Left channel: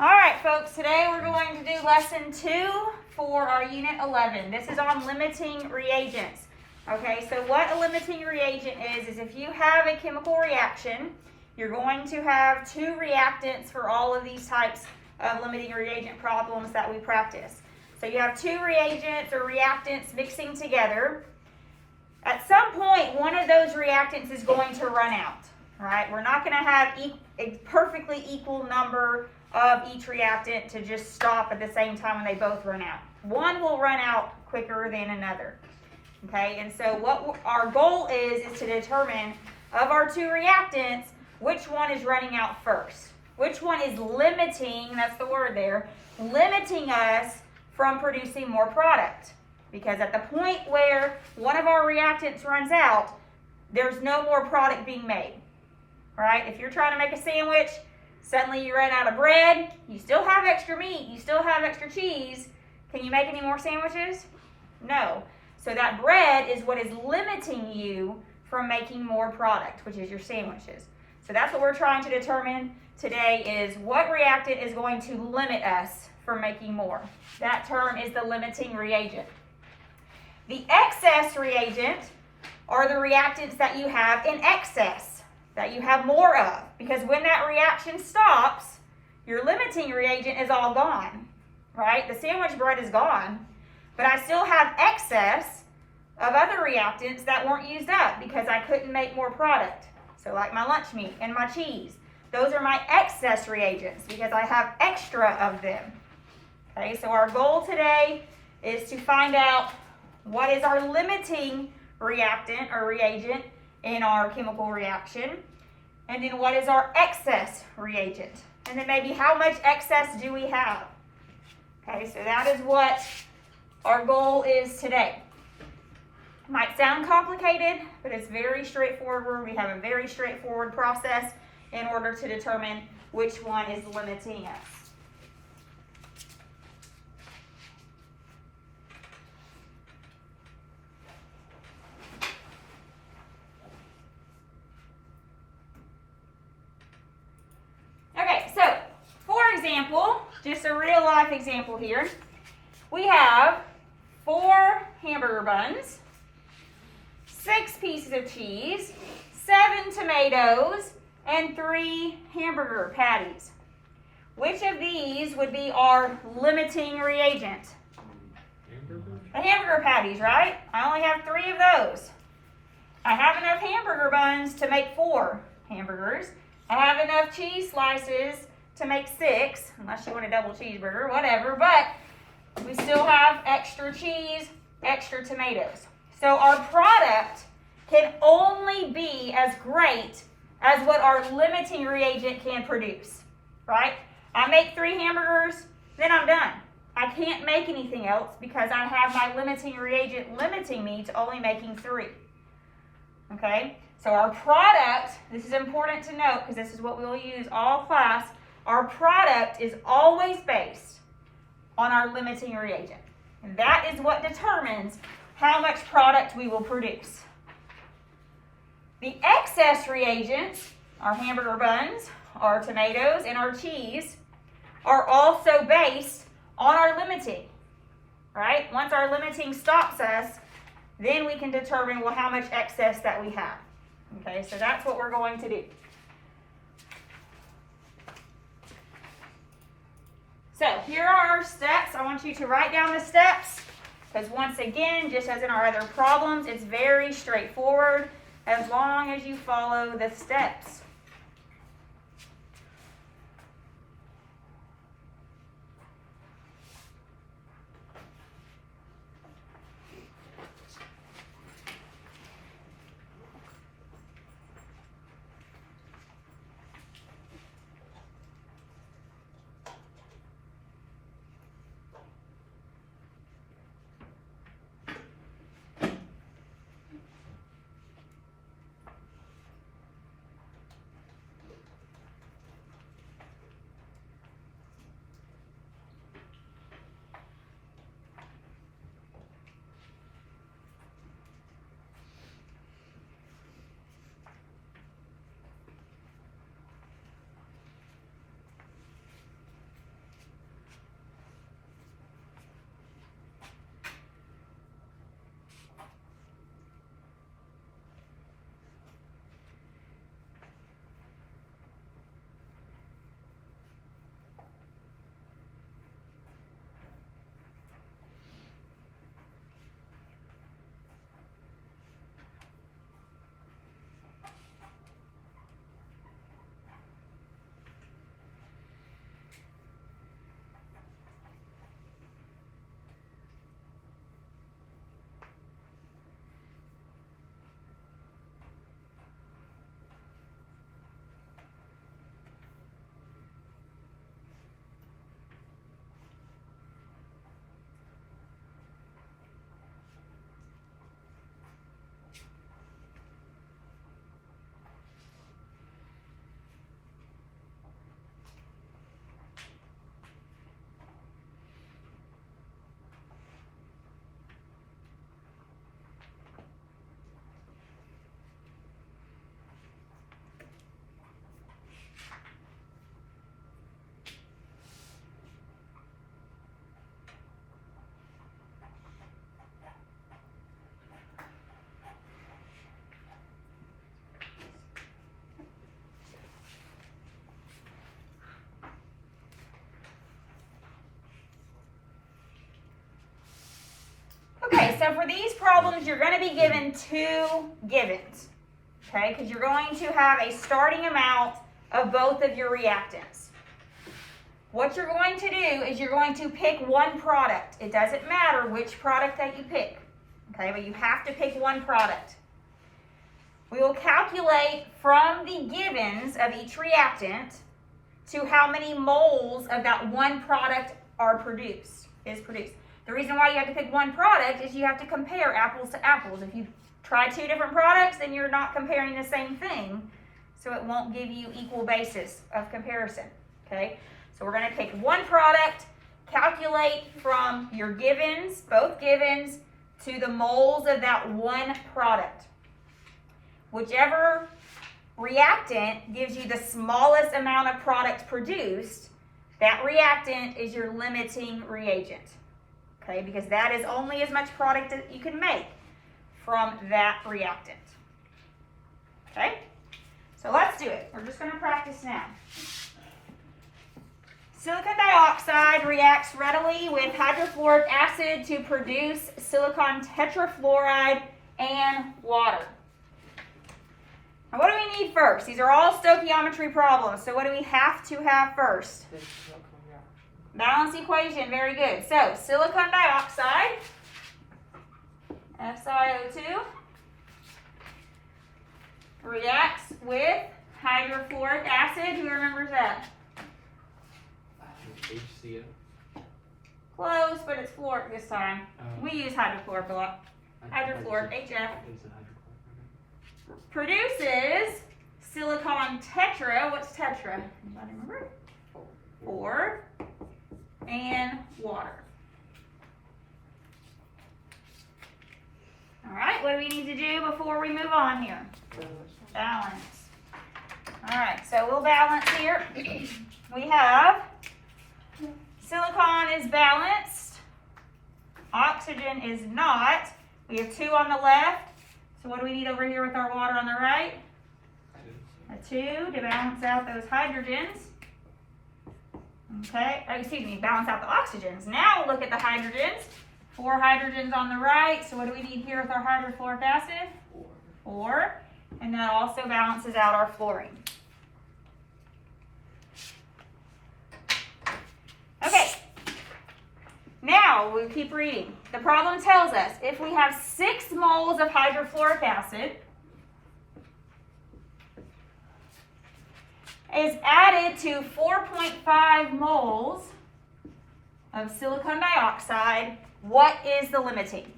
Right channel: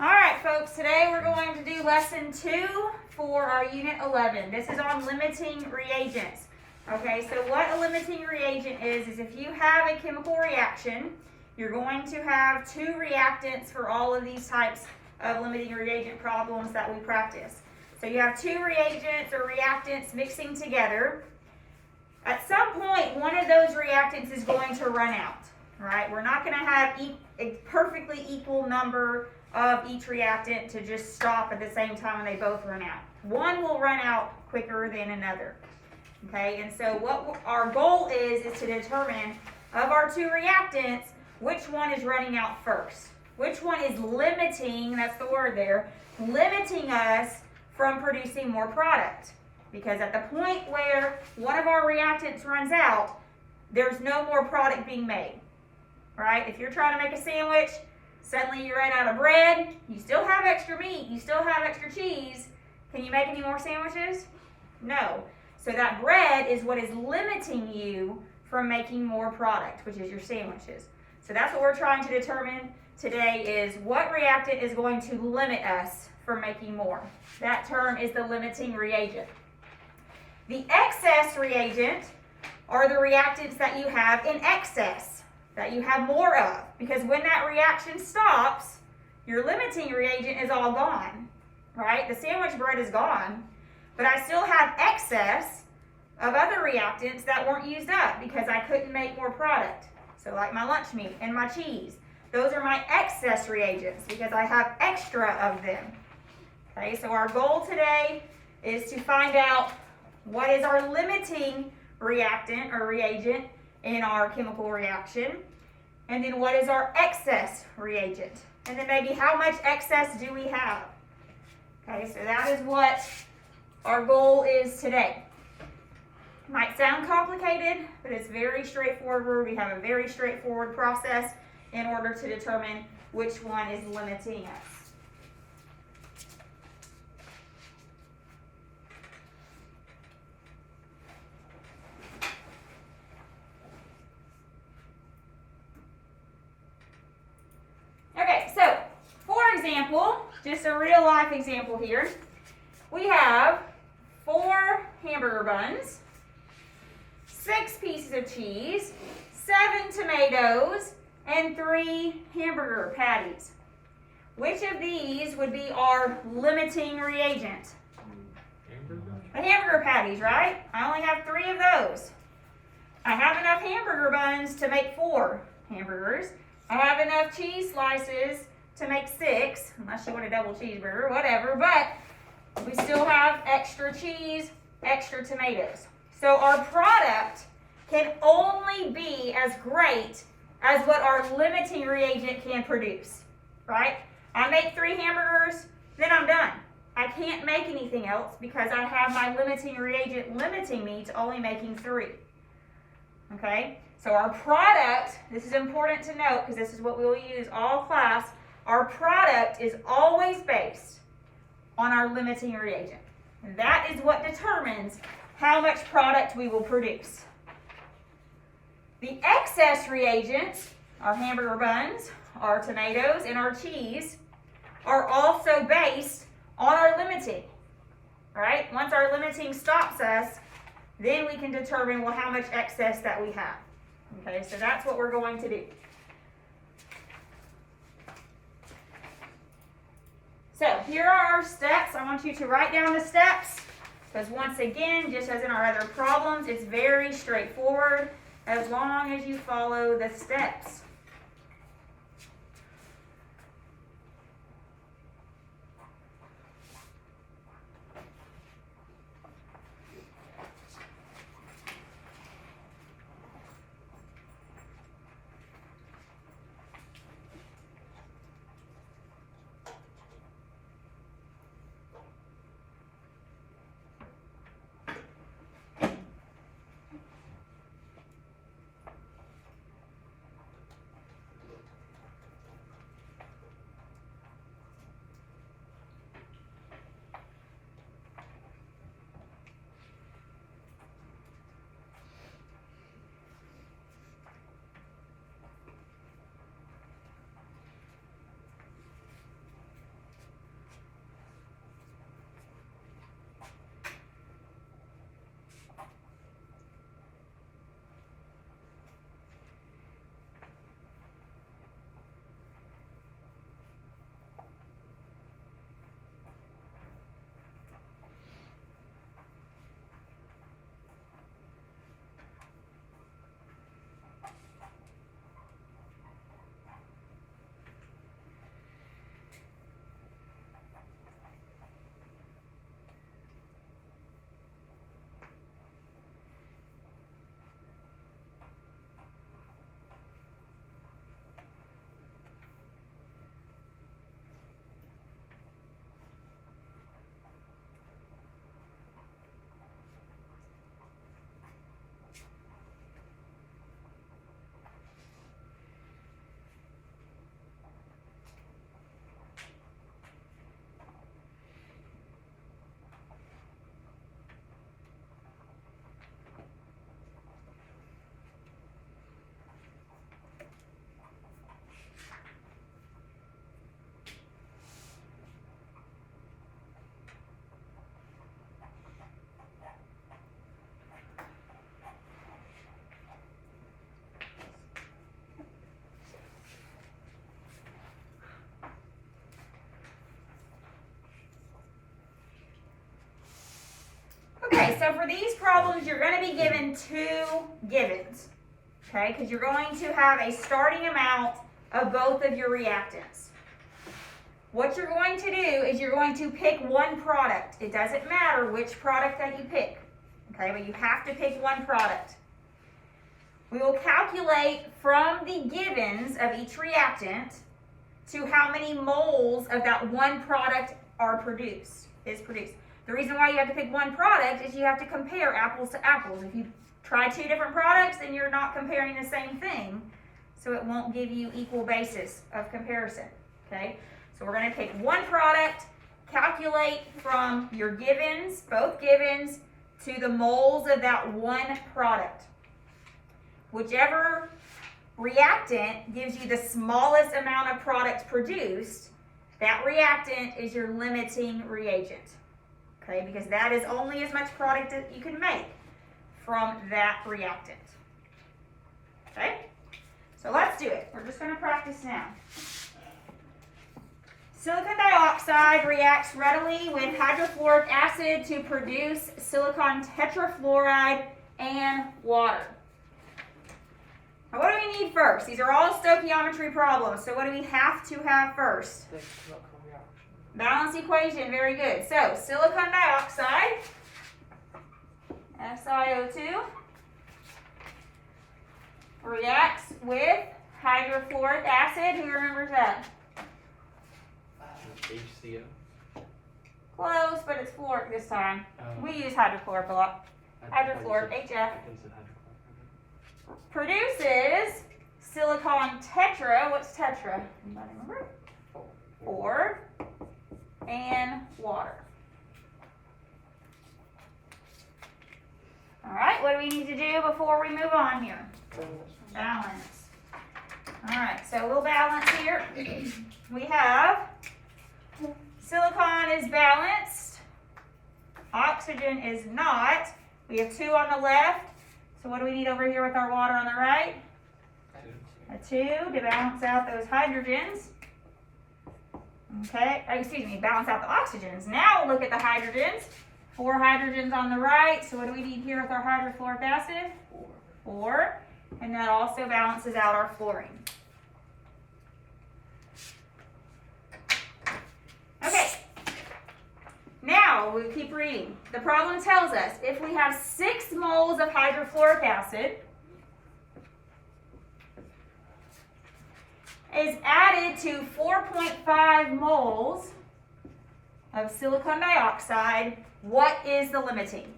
All right, folks, today we're going to do lesson 2 for our unit 11. This is on limiting reagents. Okay, so what a limiting reagent is if you have a chemical reaction, you're going to have 2 reactants for all of these types of limiting reagent problems that we practice. So you have 2 reagents or reactants mixing together. At some point, one of those reactants is going to run out, right? We're not going to have a perfectly equal number of each reactant to just stop at the same time when they both run out. One will run out quicker than another. Okay, and so what our goal is to determine of our 2 reactants, which one is running out first. Which one is limiting, that's the word there, limiting us from producing more product. Because at the point where one of our reactants runs out, there's no more product being made. Right? If you're trying to make a sandwich, suddenly you ran out of bread, you still have extra meat, you still have extra cheese. Can you make any more sandwiches? No. So that bread is what is limiting you from making more product, which is your sandwiches. So that's what we're trying to determine today is what reactant is going to limit us from making more. That term is the limiting reagent. The excess reagent are the reactants that you have in excess, that you have more of. Because when that reaction stops, your limiting reagent is all gone, right? The sandwich bread is gone, but I still have excess of other reactants that weren't used up because I couldn't make more product. So like my lunch meat and my cheese, those are my excess reagents because I have extra of them. Okay, so our goal today is to find out what is our limiting reactant or reagent in our chemical reaction, and then what is our excess reagent, and then maybe how much excess do we have. Okay, so that is what our goal is today. Might sound complicated, but it's very straightforward. We have a very straightforward process in order to determine which one is limiting us. Okay, so for example, just a real life example here, we have 4 hamburger buns, 6 pieces of cheese, 7 tomatoes, and 3 hamburger patties. Which of these would be our limiting reagent? The hamburger patties, right? I only have 3 of those. I have enough hamburger buns to make 4 hamburgers. I have enough cheese slices to make 6, unless you want a double cheeseburger, whatever, but we still have extra cheese, extra tomatoes. So our product can only be as great as what our limiting reagent can produce, right? I make 3 hamburgers, then I'm done. I can't make anything else because I have my limiting reagent limiting me to only making 3. Okay? So our product, this is important to note because this is what we will use all class, our product is always based on our limiting reagent. And that is what determines how much product we will produce. The excess reagents, our hamburger buns, our tomatoes, and our cheese, are also based on our limiting, right? Once our limiting stops us, then we can determine, well, how much excess that we have. Okay, so that's what we're going to do. So here are our steps. I want you to write down the steps because once again, just as in our other problems, it's very straightforward as long as you follow the steps. problems, you're going to be given two givens, okay? Because you're going to have a starting amount of both of your reactants. What you're going to do is you're going to pick one product. It doesn't matter which product that you pick, okay? But you have to pick one product. We will calculate from the givens of each reactant to how many moles of that one product is produced. The reason why you have to pick one product is you have to compare apples to apples. If you try two different products, then you're not comparing the same thing, so it won't give you equal basis of comparison, okay? So we're going to pick one product, calculate from your givens, both givens, to the moles of that one product. Whichever reactant gives you the smallest amount of product produced, that reactant is your limiting reagent. Okay, because that is only as much product that you can make from that reactant. Okay, so let's do it. We're just going to practice now. Silicon dioxide reacts readily with hydrofluoric acid to produce silicon tetrafluoride and water. Now, what do we need first? These are all stoichiometry problems. So what do we have to have first? Balance equation. Very good. So silicon dioxide, SiO2, reacts with hydrofluoric acid. Who remembers that? HCO. Close, but it's fluoric this time. We use hydrofluoric a lot. Hydrofluoric, HF. Produces silicon tetra. What's tetra? Anybody remember? 4 and water. All right, what do we need to do before we move on here? Balance. All right, so we'll balance here. We have silicon is balanced. Oxygen is not. We have 2 on the left. So what do we need over here with our water on the right? A 2 to balance out those hydrogens. Okay, excuse me, balance out the oxygens. Now look at the hydrogens. 4 hydrogens on the right. So what do we need here with our hydrofluoric acid? 4. And that also balances out our fluorine. Okay. Now we keep reading. The problem tells us if we have 6 moles of hydrofluoric acid is added to 4.5 moles of silicon dioxide, what is the limiting?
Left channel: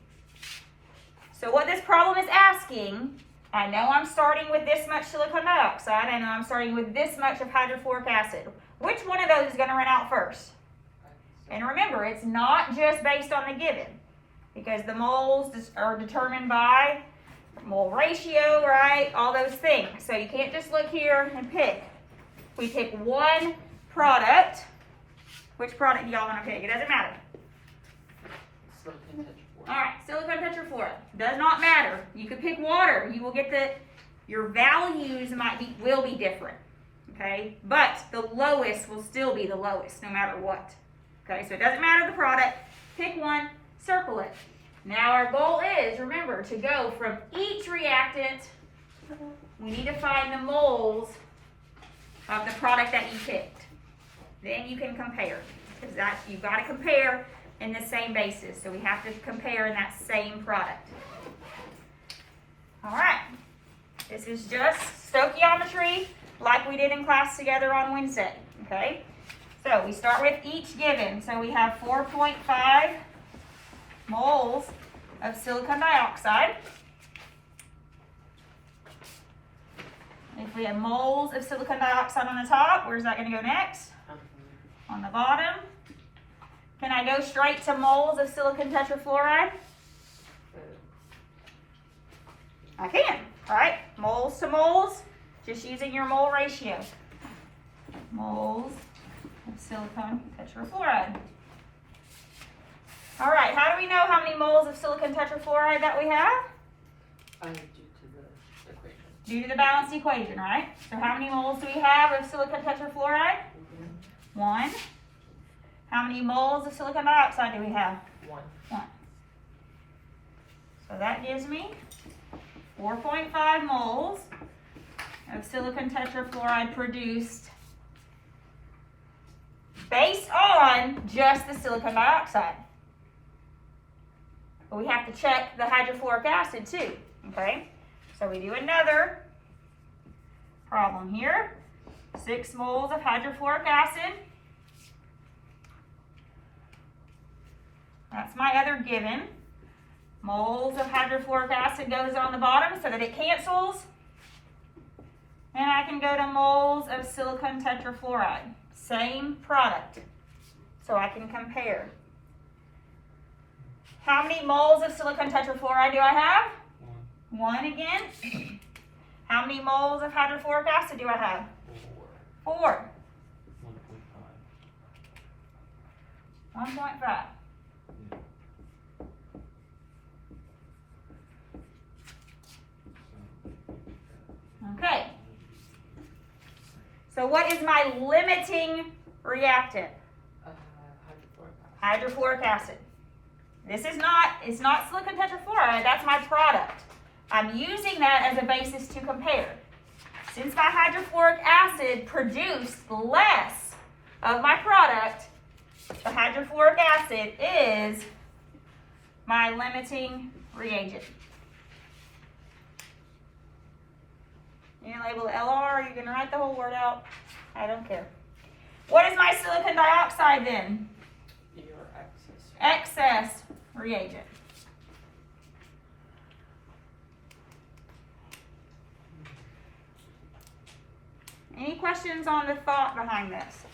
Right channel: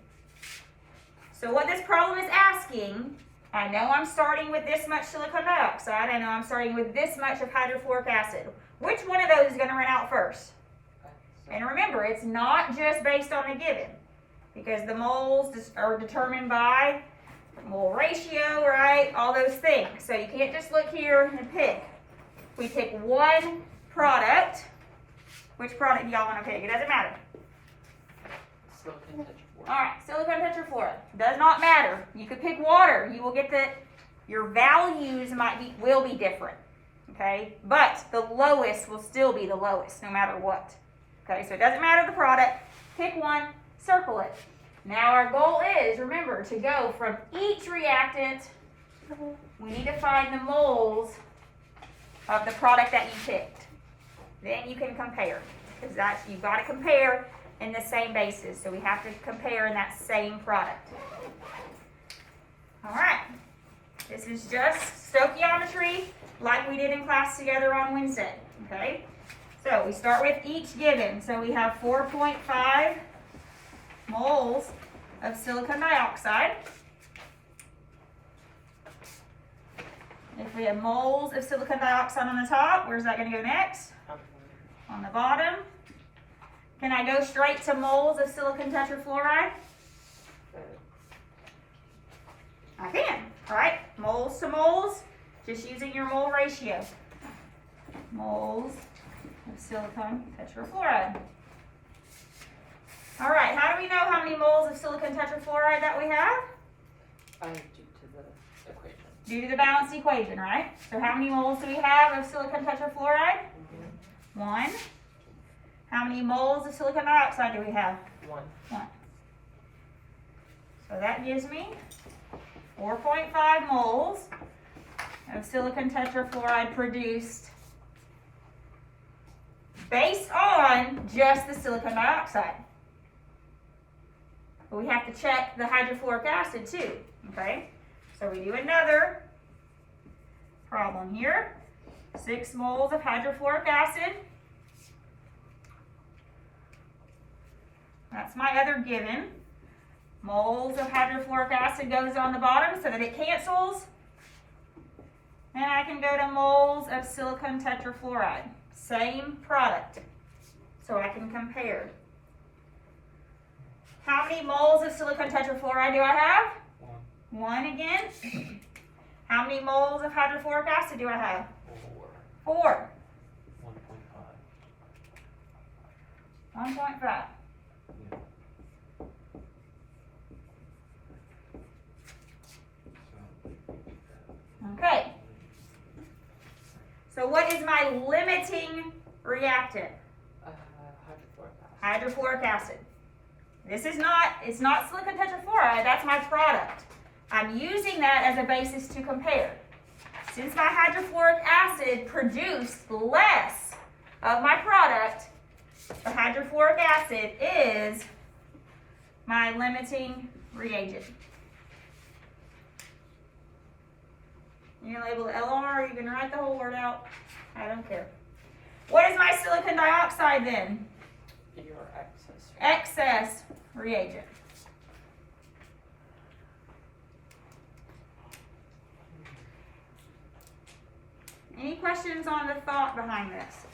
So what this problem is asking, I know I'm starting with this much silicon dioxide, I know I'm starting with this much of hydrofluoric acid. Which one of those is going to run out first? And remember, it's not just based on the given, because the moles are determined by mole ratio, right? All those things. So you can't just look here and pick. We pick one product. Which product do y'all want to pick? It doesn't matter. All right, silicon tetrafluoride. Does not matter. You could pick water. You will get your values will be different. Okay, but the lowest will still be the lowest, no matter what. Okay, so it doesn't matter the product. Pick one, circle it. Now our goal is, remember, to go from each reactant, we need to find the moles of the product that you picked. Then you can compare, because you've got to compare in the same basis. So we have to compare in that same product. All right, this is just stoichiometry like we did in class together on Wednesday, okay? So we start with each given. So we have 4.5 moles of silicon dioxide. If we have moles of silicon dioxide on the top, where's that going to go next? On the bottom. Can I go straight to moles of silicon tetrafluoride? I can. All right, moles to moles, just using your mole ratio. Moles of silicon tetrafluoride. All right, how do we know how many moles of silicon tetrafluoride that we have? Due to the equation. Due to the balanced equation, right? So how many moles do we have of silicon tetrafluoride? 1. How many moles of silicon dioxide do we have? 1. 1. So that gives me 4.5 moles of silicon tetrafluoride produced based on just the silicon dioxide. But we have to check the hydrofluoric acid too, okay? So we do another problem here. 6 moles of hydrofluoric acid. That's my other given. Moles of hydrofluoric acid goes on the bottom so that it cancels. And I can go to moles of silicon tetrafluoride. Same product. So I can compare. How many moles of silicon tetrafluoride do I have? 1 again. How many moles of hydrofluoric acid do I have? 4. 1.5. Okay. So what is my limiting reactant? Hydrofluoric acid. This is not, it's not silicon tetrafluoride, that's my product. I'm using that as a basis to compare. Since my hydrofluoric acid produced less of my product, the hydrofluoric acid is my limiting reagent. You gonna label the LR, or you gonna write the whole word out? I don't care. What is my silicon dioxide then? Your Excess reagent. Any questions on the thought behind this?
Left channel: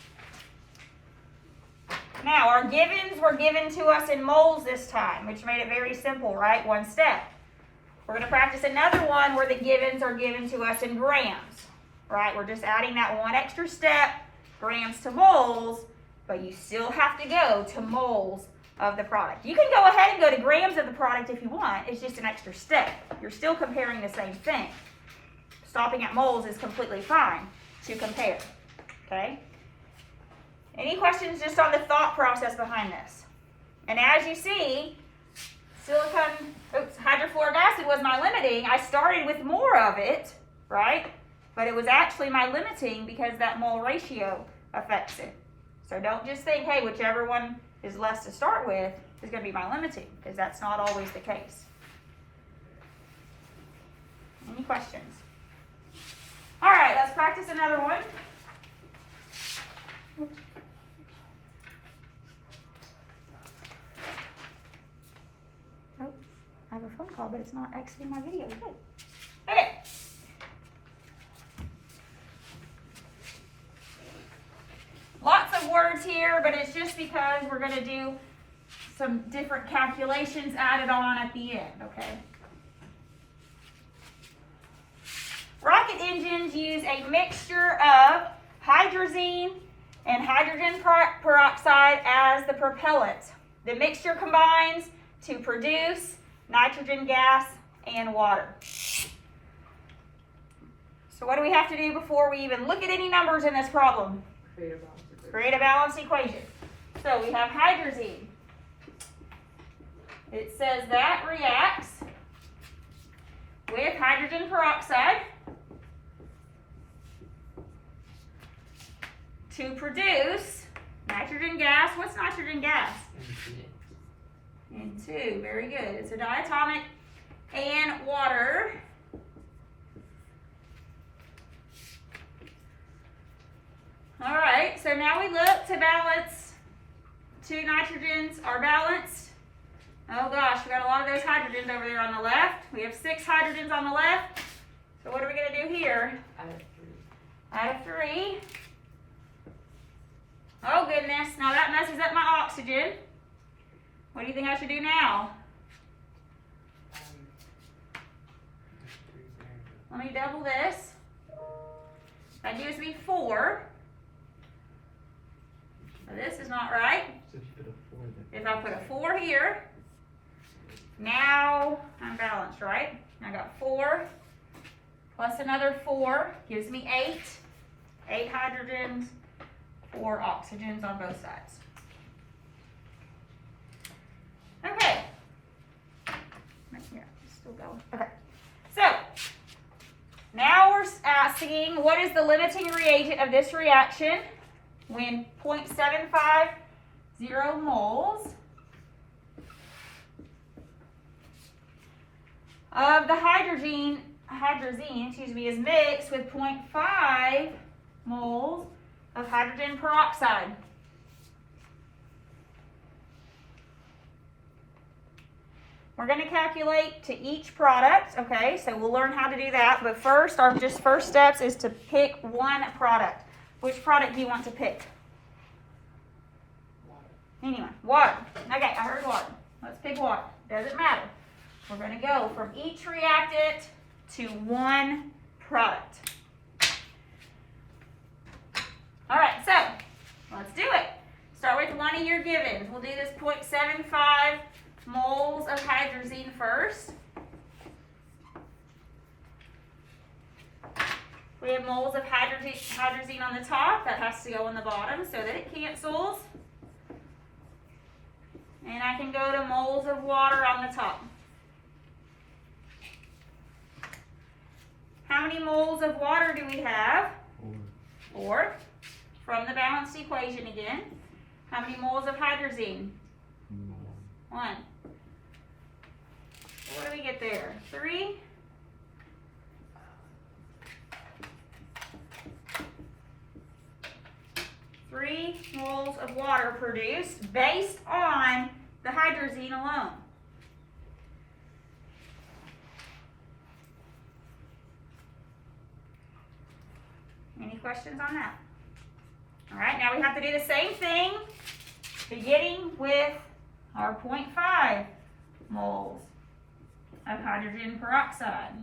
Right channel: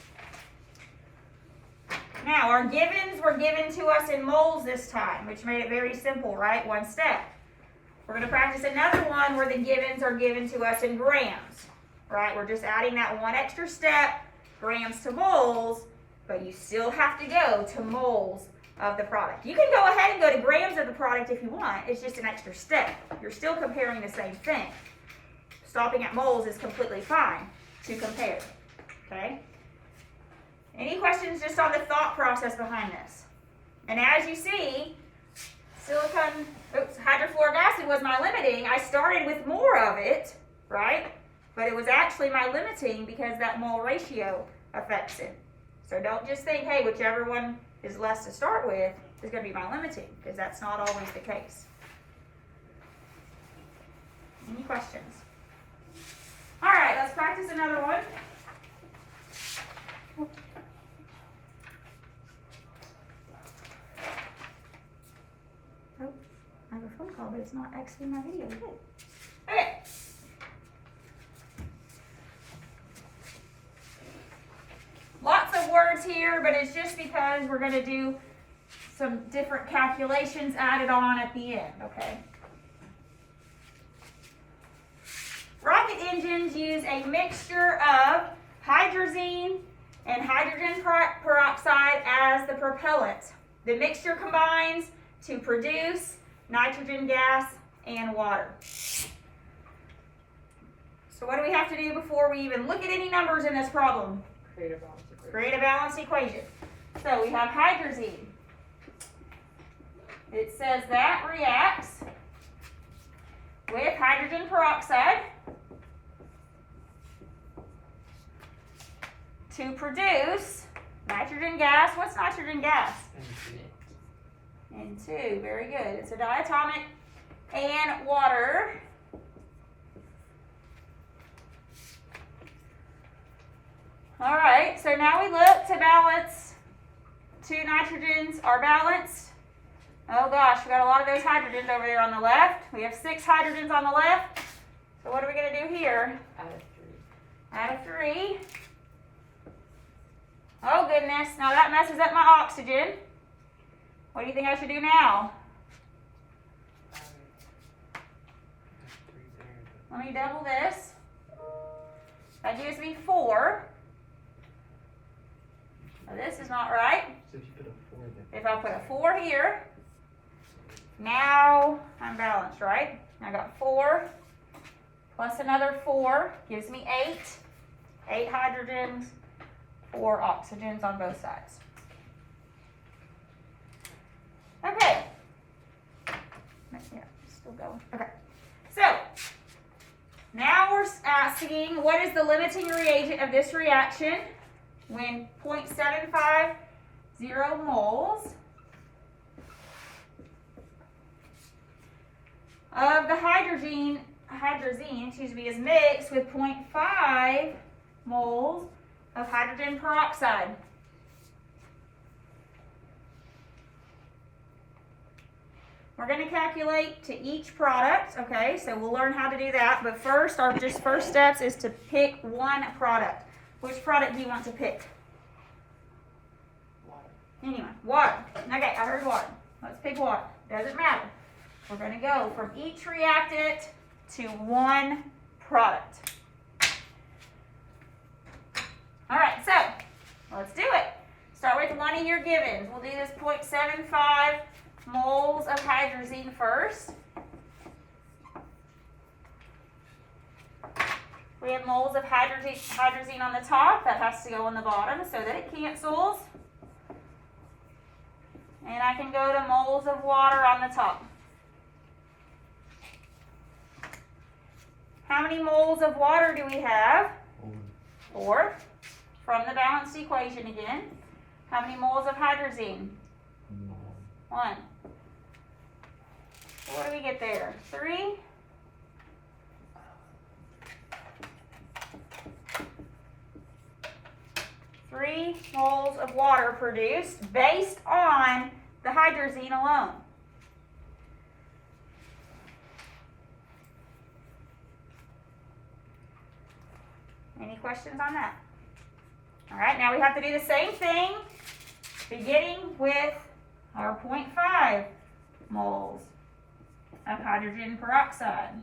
Now, our givens were given to us in moles this time, which made it very simple, right? One step. We're going to practice another one where the givens are given to us in grams, right? We're just adding that one extra step, grams to moles, but you still have to go to moles of the product. You can go ahead and go to grams of the product if you want. It's just an extra step. You're still comparing the same thing. Stopping at moles is completely fine to compare, okay? Any questions just on the thought process behind this? And as you see, hydrofluoric acid was my limiting. I started with more of it, right? But it was actually my limiting because that mole ratio affects it. So don't just think, hey, whichever one is less to start with is going to be my limiting, because that's not always the case. Any questions? All right, let's practice another one. Oh, I have a phone call, but it's not exiting my video. Good. Okay. Lots of words here, but it's just because we're going to do some different calculations added on at the end, okay? Rocket engines use a mixture of hydrazine and hydrogen peroxide as the propellant. The mixture combines to produce nitrogen gas and water. So what do we have to do before we even look at any numbers in this problem? Create a balanced equation. So we have hydrazine. It says that reacts with hydrogen peroxide to produce nitrogen gas. What's nitrogen gas? N2. Very good. It's a diatomic. And water. All right, so now we look to balance. 2 nitrogens are balanced. Oh gosh, we got a lot of those hydrogens over there on the left. We have 6 hydrogens on the left. So what are we going to do here? Add a 3. Oh goodness, now that messes up my oxygen. What do you think I should do now? Let me double this. That gives me 4. Now this is not right. If I put a 4 here, now I'm balanced, right? I got 4 plus another 4 gives me 8. 8 hydrogens, 4 oxygens on both sides. Okay. Yeah, it's still going. Okay. So, now we're asking what is the limiting reagent of this reaction when 0.750 moles of the hydrazine, is mixed with 0.5 moles of hydrogen peroxide. We're going to calculate to each product, okay? So we'll learn how to do that. But first, our first steps is to pick one product. Which product do you want to pick? Anyone? Water. Okay, I heard water. Let's pick water. Doesn't matter. We're going to go from each reactant to one product. All right, so let's do it. Start with one of your givens. We'll do this 0.75 moles of hydrazine first. We have moles of hydrazine on the top. That has to go on the bottom so that it cancels. And I can go to moles of water on the top. How many moles of water do we have? 4. From the balanced equation again. How many moles of hydrazine? 1. What do we get there? 3. Three moles of water produced based on the hydrazine alone. Any questions on that? All right, now we have to do the same thing, beginning with our 0.5 moles of hydrogen peroxide.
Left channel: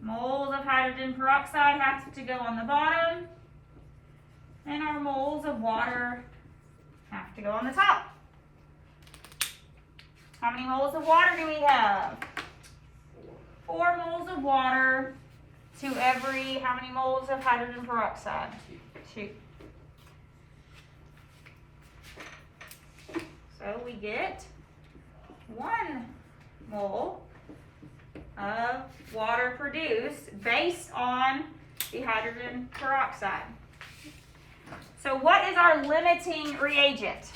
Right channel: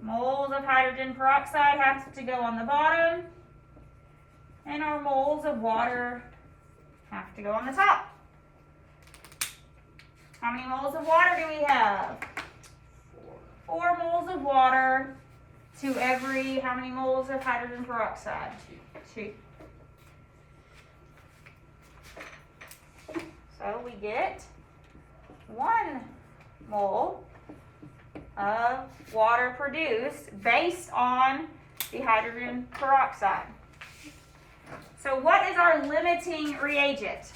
Moles of hydrogen peroxide have to go on the bottom, and our moles of water have to go on the top. How many moles of water do we have? 4 moles of water to every, how many moles of hydrogen peroxide? 2. So we get 1 mole of water produced based on the hydrogen peroxide. So what is our limiting reagent?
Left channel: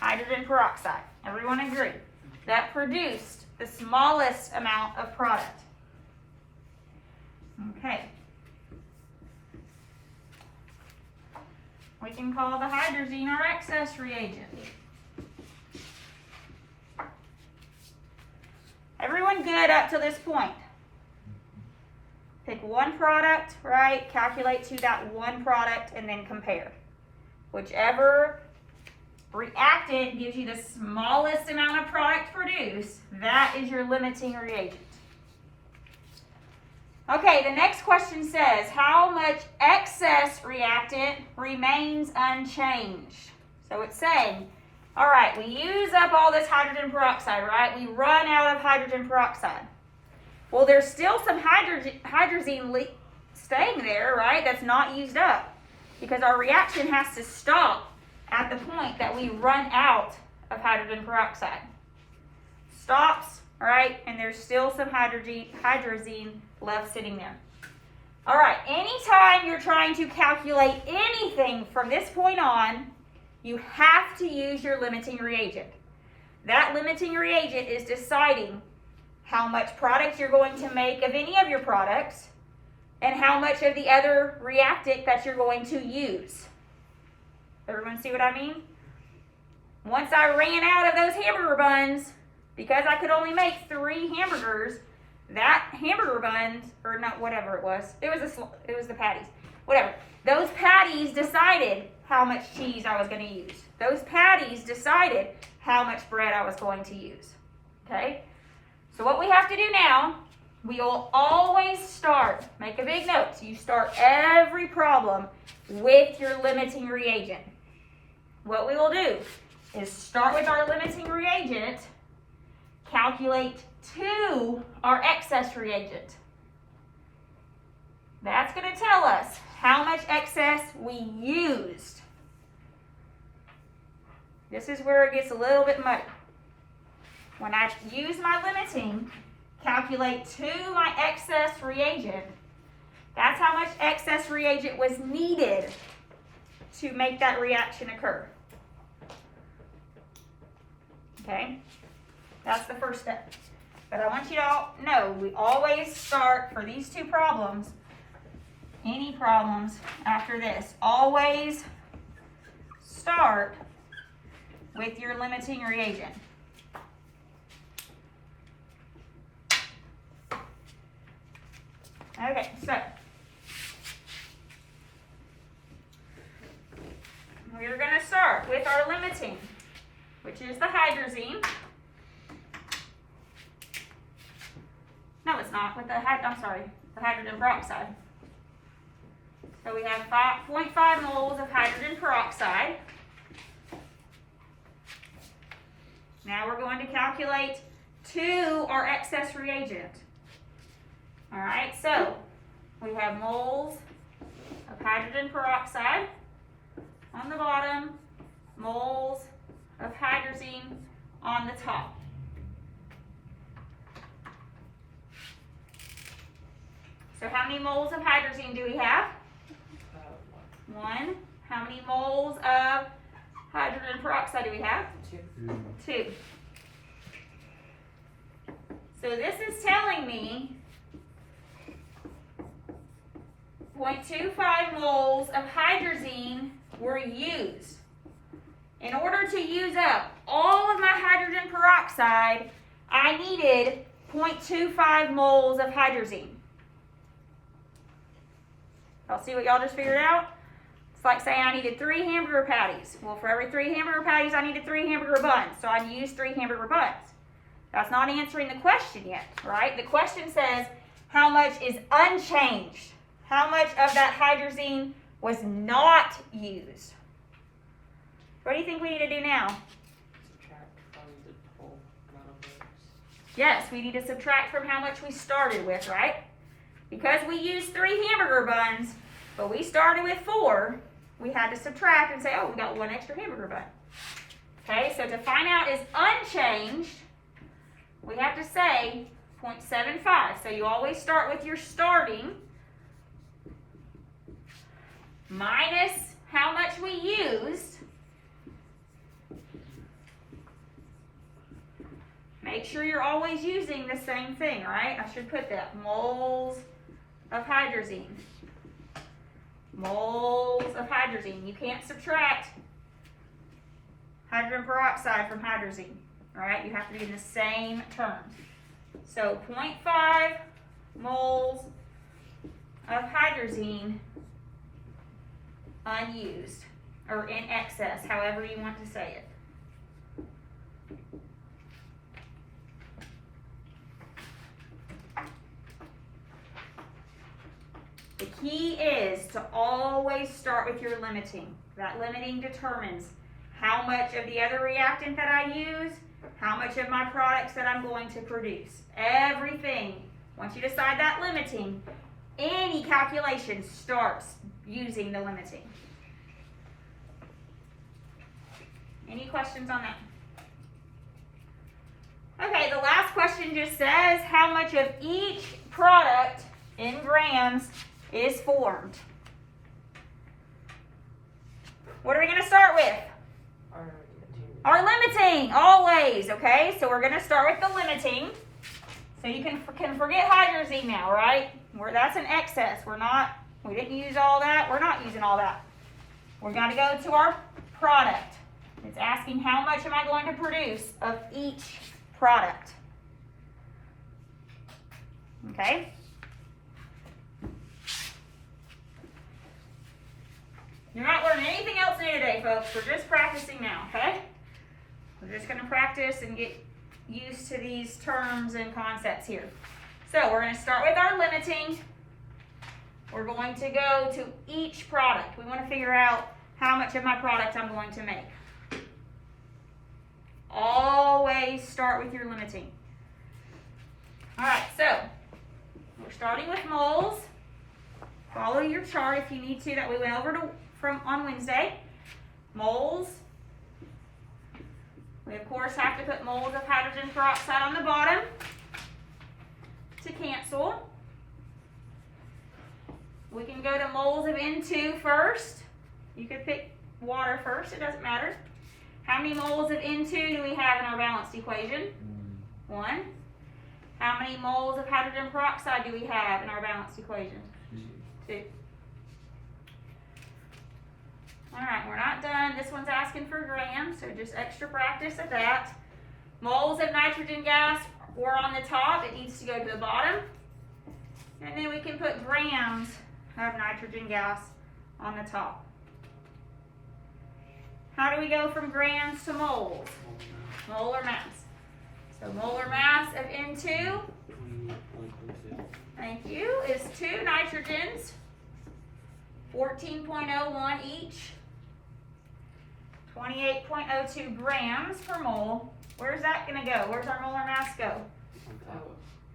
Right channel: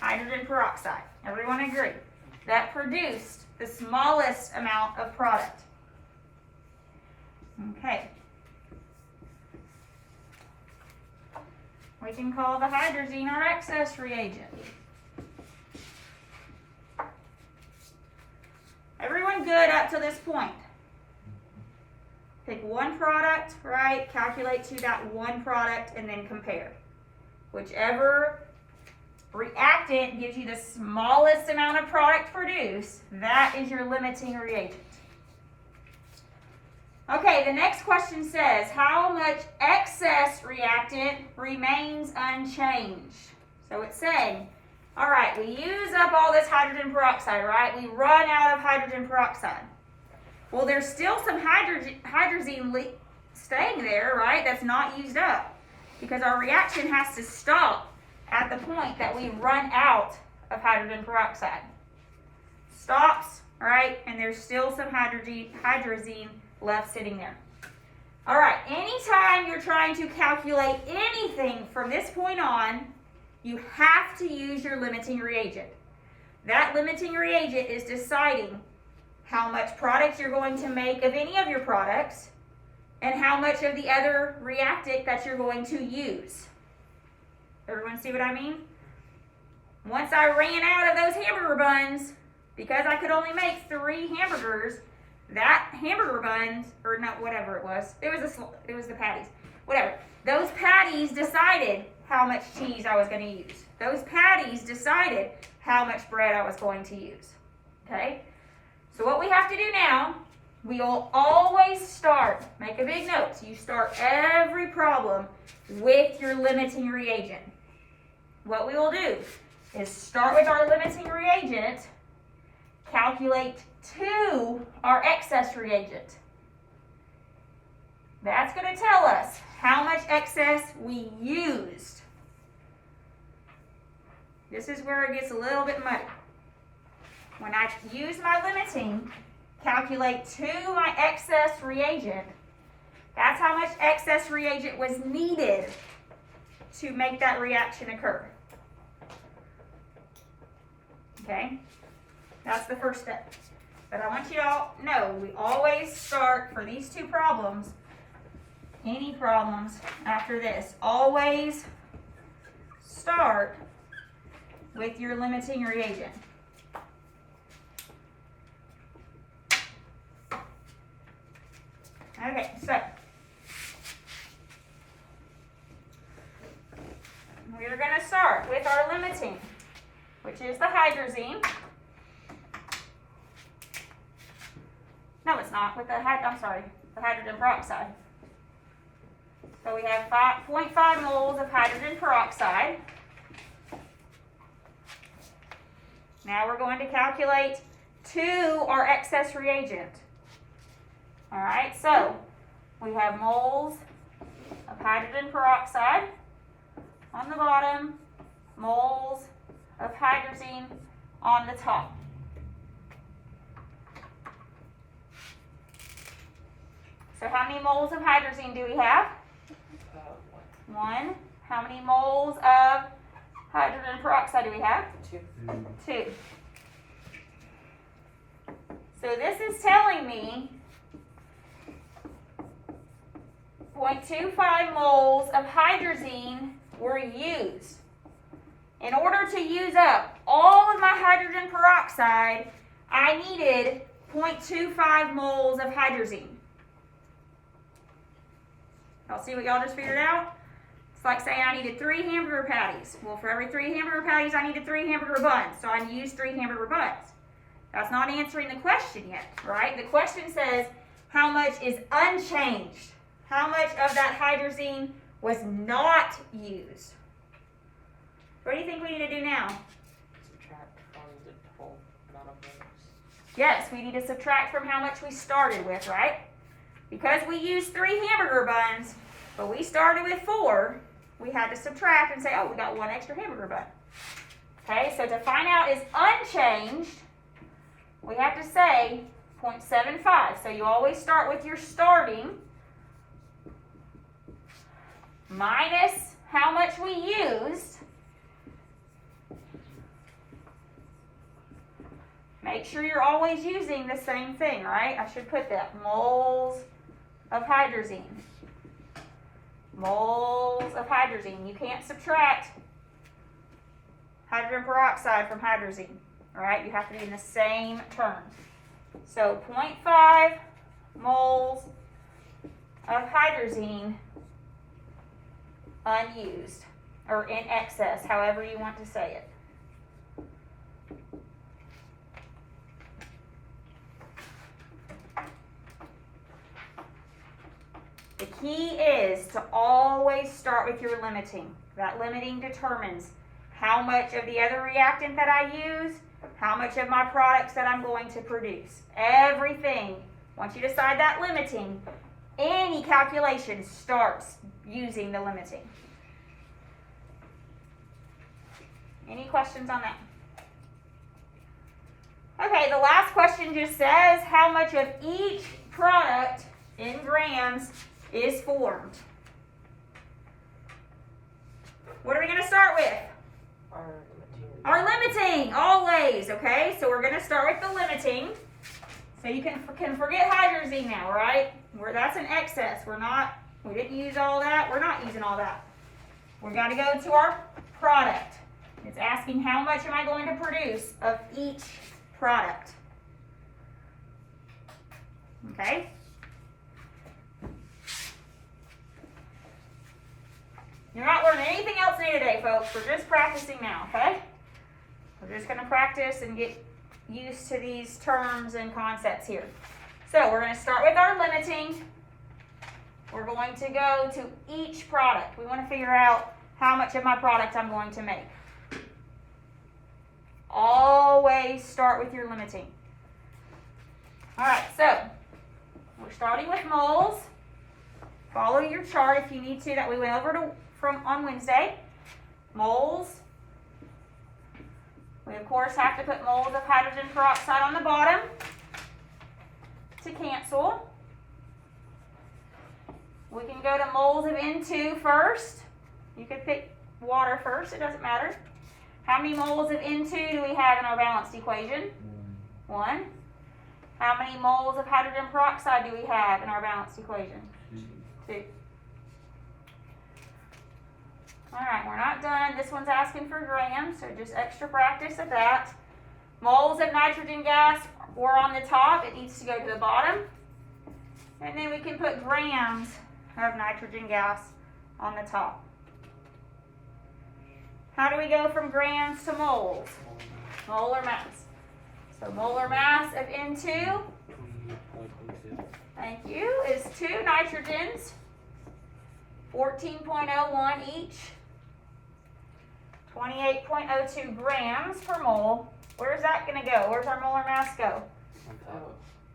Hydrogen peroxide. Everyone agree? That produced the smallest amount of product. Okay. We can call the hydrazine our excess reagent. Everyone good up to this point? Pick one product, right? Calculate to that one product and then compare. Whichever reactant gives you the smallest amount of product produced, that is your limiting reagent. Okay, the next question says, how much excess reactant remains unchanged? So it's saying, all right, we use up all this hydrogen peroxide, right? We run out of hydrogen peroxide. Well, there's still some hydrazine staying there, right? That's not used up because our reaction has to stop at the point that we run out of hydrogen peroxide. Stops, right? And there's still some hydrazine left sitting there. All right, anytime you're trying to calculate anything from this point on, you have to use your limiting reagent. That limiting reagent is deciding how much product you're going to make of any of your products and how much of the other reactant that you're going to use. Everyone see what I mean? Once I ran out of those hamburger buns, because I could only make 3 hamburgers, that hamburger buns, or not, whatever it was the patties, whatever. Those patties decided how much cheese I was going to use. Those patties decided how much bread I was going to use. Okay? So what we have to do now, we will always start, make a big note, so you start every problem with your limiting reagent. What we will do is start with our limiting reagent, calculate to our excess reagent. That's going to tell us how much excess we used. This is where it gets a little bit muddy. when I use my limiting, calculate to my excess reagent, that's how much excess reagent was needed to make that reaction occur. Okay? That's the first step. But I want you to all know, we always start, for these two problems, any problems after this, always start with your limiting reagent. Okay, so we're going to start with our limiting, which is the hydrazine. No, it's not. With the the hydrogen peroxide. So we have 0.5 moles of hydrogen peroxide. Now we're going to calculate to our excess reagent. All right, so we have moles of hydrogen peroxide on the bottom, moles of hydrazine on the top. So how many moles of hydrazine do we have? 1. How many moles of hydrogen peroxide do we have? 2. So this is telling me 0.25 moles of hydrazine were used. In order to use up all of my hydrogen peroxide, I needed 0.25 moles of hydrazine. Y'all see what y'all just figured out? It's like saying I needed 3 hamburger patties. Well, for every 3 hamburger patties, I needed 3 hamburger buns. So I used 3 hamburger buns. That's not answering the question yet, right? The question says, how much is unchanged? How much of that hydrazine was not used? What do you think we need to do now? Subtract from the whole amount of moles. Yes, we need to subtract from how much we started with, right? Because we used 3 hamburger buns, but we started with 4, we had to subtract and say, oh, we got 1 extra hamburger bun. Okay, so to find out is unchanged, we have to say 0.75. So you always start with your starting minus how much we used. Make sure you're always using the same thing, right? I should put that. Moles of hydrazine. Moles of hydrazine. You can't subtract hydrogen peroxide from hydrazine. All right? You have to be in the same terms. So 0.5 moles of hydrazine unused, or in excess, however you want to say it. The key is to always start with your limiting. That limiting determines how much of the other reactant that I use, how much of my products that I'm going to produce. Everything, once you decide that limiting, any calculation starts using the limiting. Any questions on that? Okay, the last question just says how much of each product in grams is formed. What are we going to start with? Our limiting, always, okay? So we're going to start with the limiting. So you can forget hydrazine now, right? That's an excess. We didn't use all that. We're not using all that. We're going to go to our product. It's asking how much am I going to produce of each product. Okay? You're not learning anything else new today, folks. We're just practicing now, okay? We're just going to practice and get used to these terms and concepts here. So we're going to start with our limiting. We're going to go to each product. We want to figure out how much of my product I'm going to make. Always start with your limiting. All right, so we're starting with moles. Follow your chart if you need to that we went over from on Wednesday. Moles. We of course have to put moles of hydrogen peroxide on the bottom to cancel. We can go to moles of N2 first. You could pick water first, it doesn't matter. How many moles of N2 do we have in our balanced equation? 1. How many moles of hydrogen peroxide do we have in our balanced equation? 2. Alright, we're not done. This one's asking for grams, so just extra practice at that. Moles of nitrogen gas were on the top. It needs to go to the bottom. And then we can put grams of nitrogen gas on the top. How do we go from grams to moles? Molar mass. So molar mass of N2, thank you, is 2 nitrogens, 14.01 each, 28.02 grams per mole. Where's that going to go? Where's our molar mass go?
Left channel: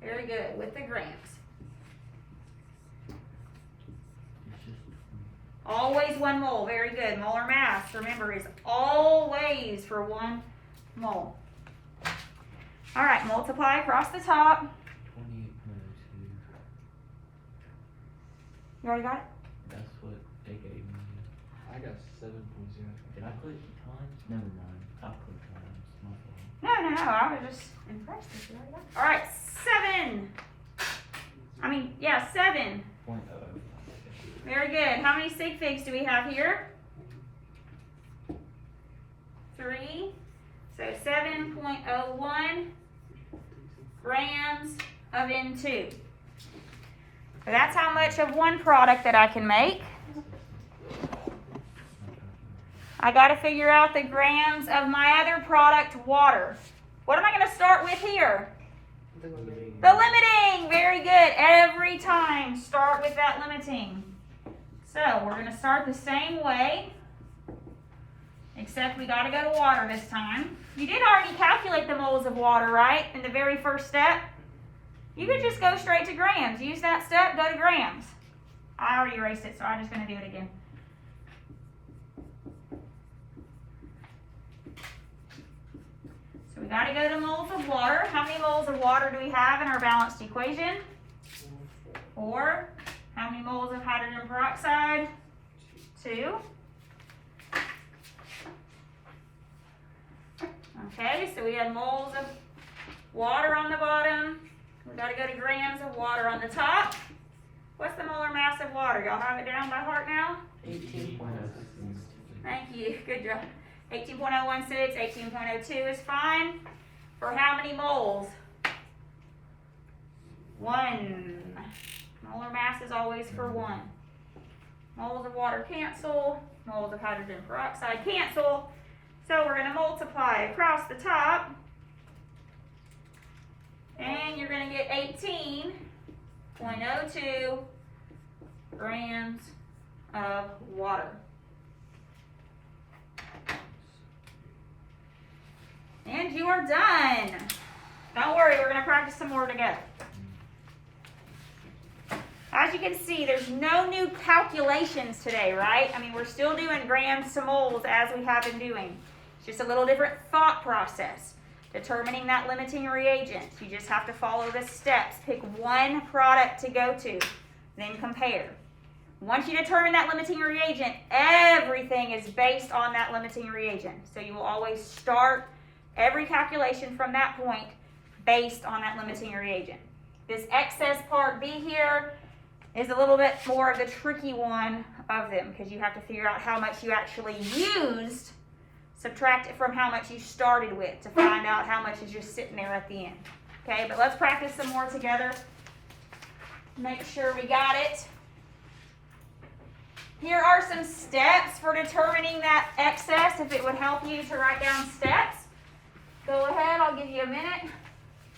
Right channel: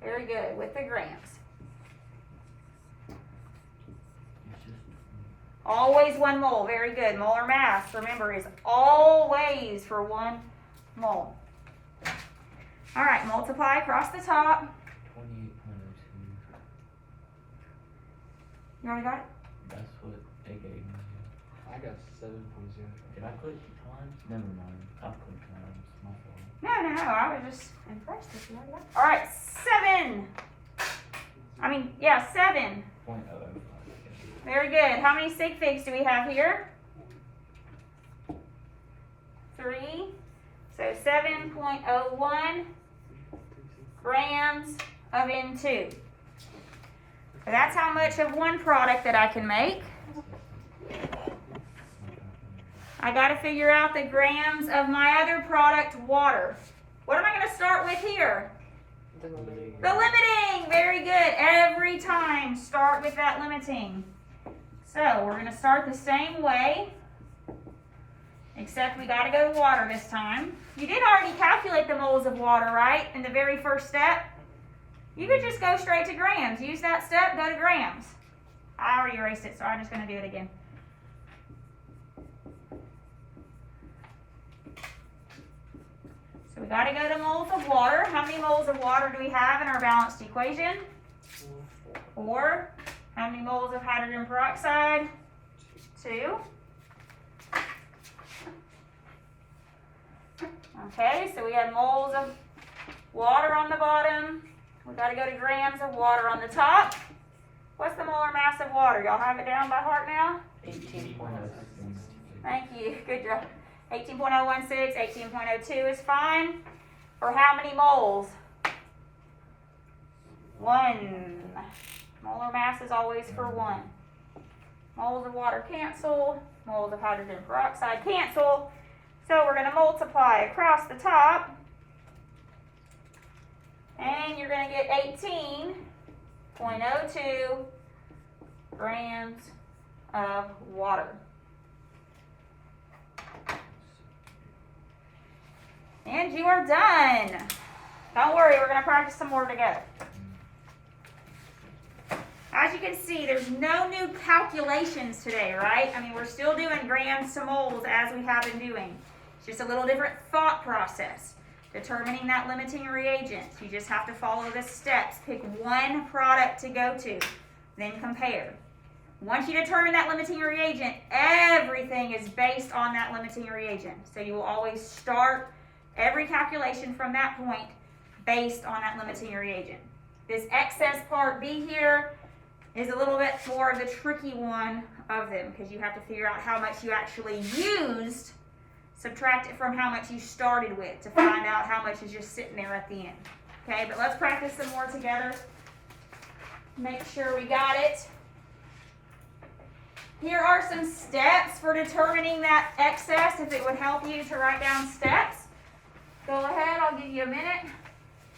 Very good, with the grams. Always 1 mole, very good. Molar mass, remember, is always for 1 mole. All right, multiply across the top. 28.02. You already got it? That's what they gave me. I got 7.0. Did I put times? Never mind. I'll put times. My fault. No, I was just impressed if you already got it. All right, 7. 7. 0.0. Very good. How many sig figs do we have here? 3. So 7.01 grams of N2. So that's how much of one product that I can make. I got to figure out the grams of my other product, water. What am I going to start with here? The limiting. Very good. Every time start with that limiting. So we're going to start the same way, except we got to go to water this time. You did already calculate the moles of water, right, in the very first step? You could just go straight to grams. Use that step, go to grams. I already erased it, so I'm just going to do it again. So we got to go to moles of water. How many moles of water do we have in our balanced equation? 4. How many moles of hydrogen peroxide? 2. Okay, so we have moles of water on the bottom. We got to go to grams of water on the top. What's the molar mass of water? Y'all have it down by heart now? 18.06. Thank you. Good job. 18.016, 18.02 is fine. For how many moles? 1. Molar mass is always for 1. Moles of water cancel. Moles of hydrogen peroxide cancel. So we're going to multiply across the top. And you're going to get 18.02 grams of water. And you are done. Don't worry, we're going to practice some more together. As you can see, there's no new calculations today, right? I mean, we're still doing grams to moles as we have been doing. It's just a little different thought process. Determining that limiting reagent. You just have to follow the steps. Pick one product to go to, then compare. Once you determine that limiting reagent, everything is based on that limiting reagent. So you will always start every calculation from that point based on that limiting reagent. This excess part B here is a little bit more of the tricky one of them because you have to figure out how much you actually used, subtract it from how much you started with to find out how much is just sitting there at the end. Okay, but let's practice some more together. Make sure we got it. Here are some steps for determining that excess, if it would help you to write down steps. Go ahead, I'll give you a minute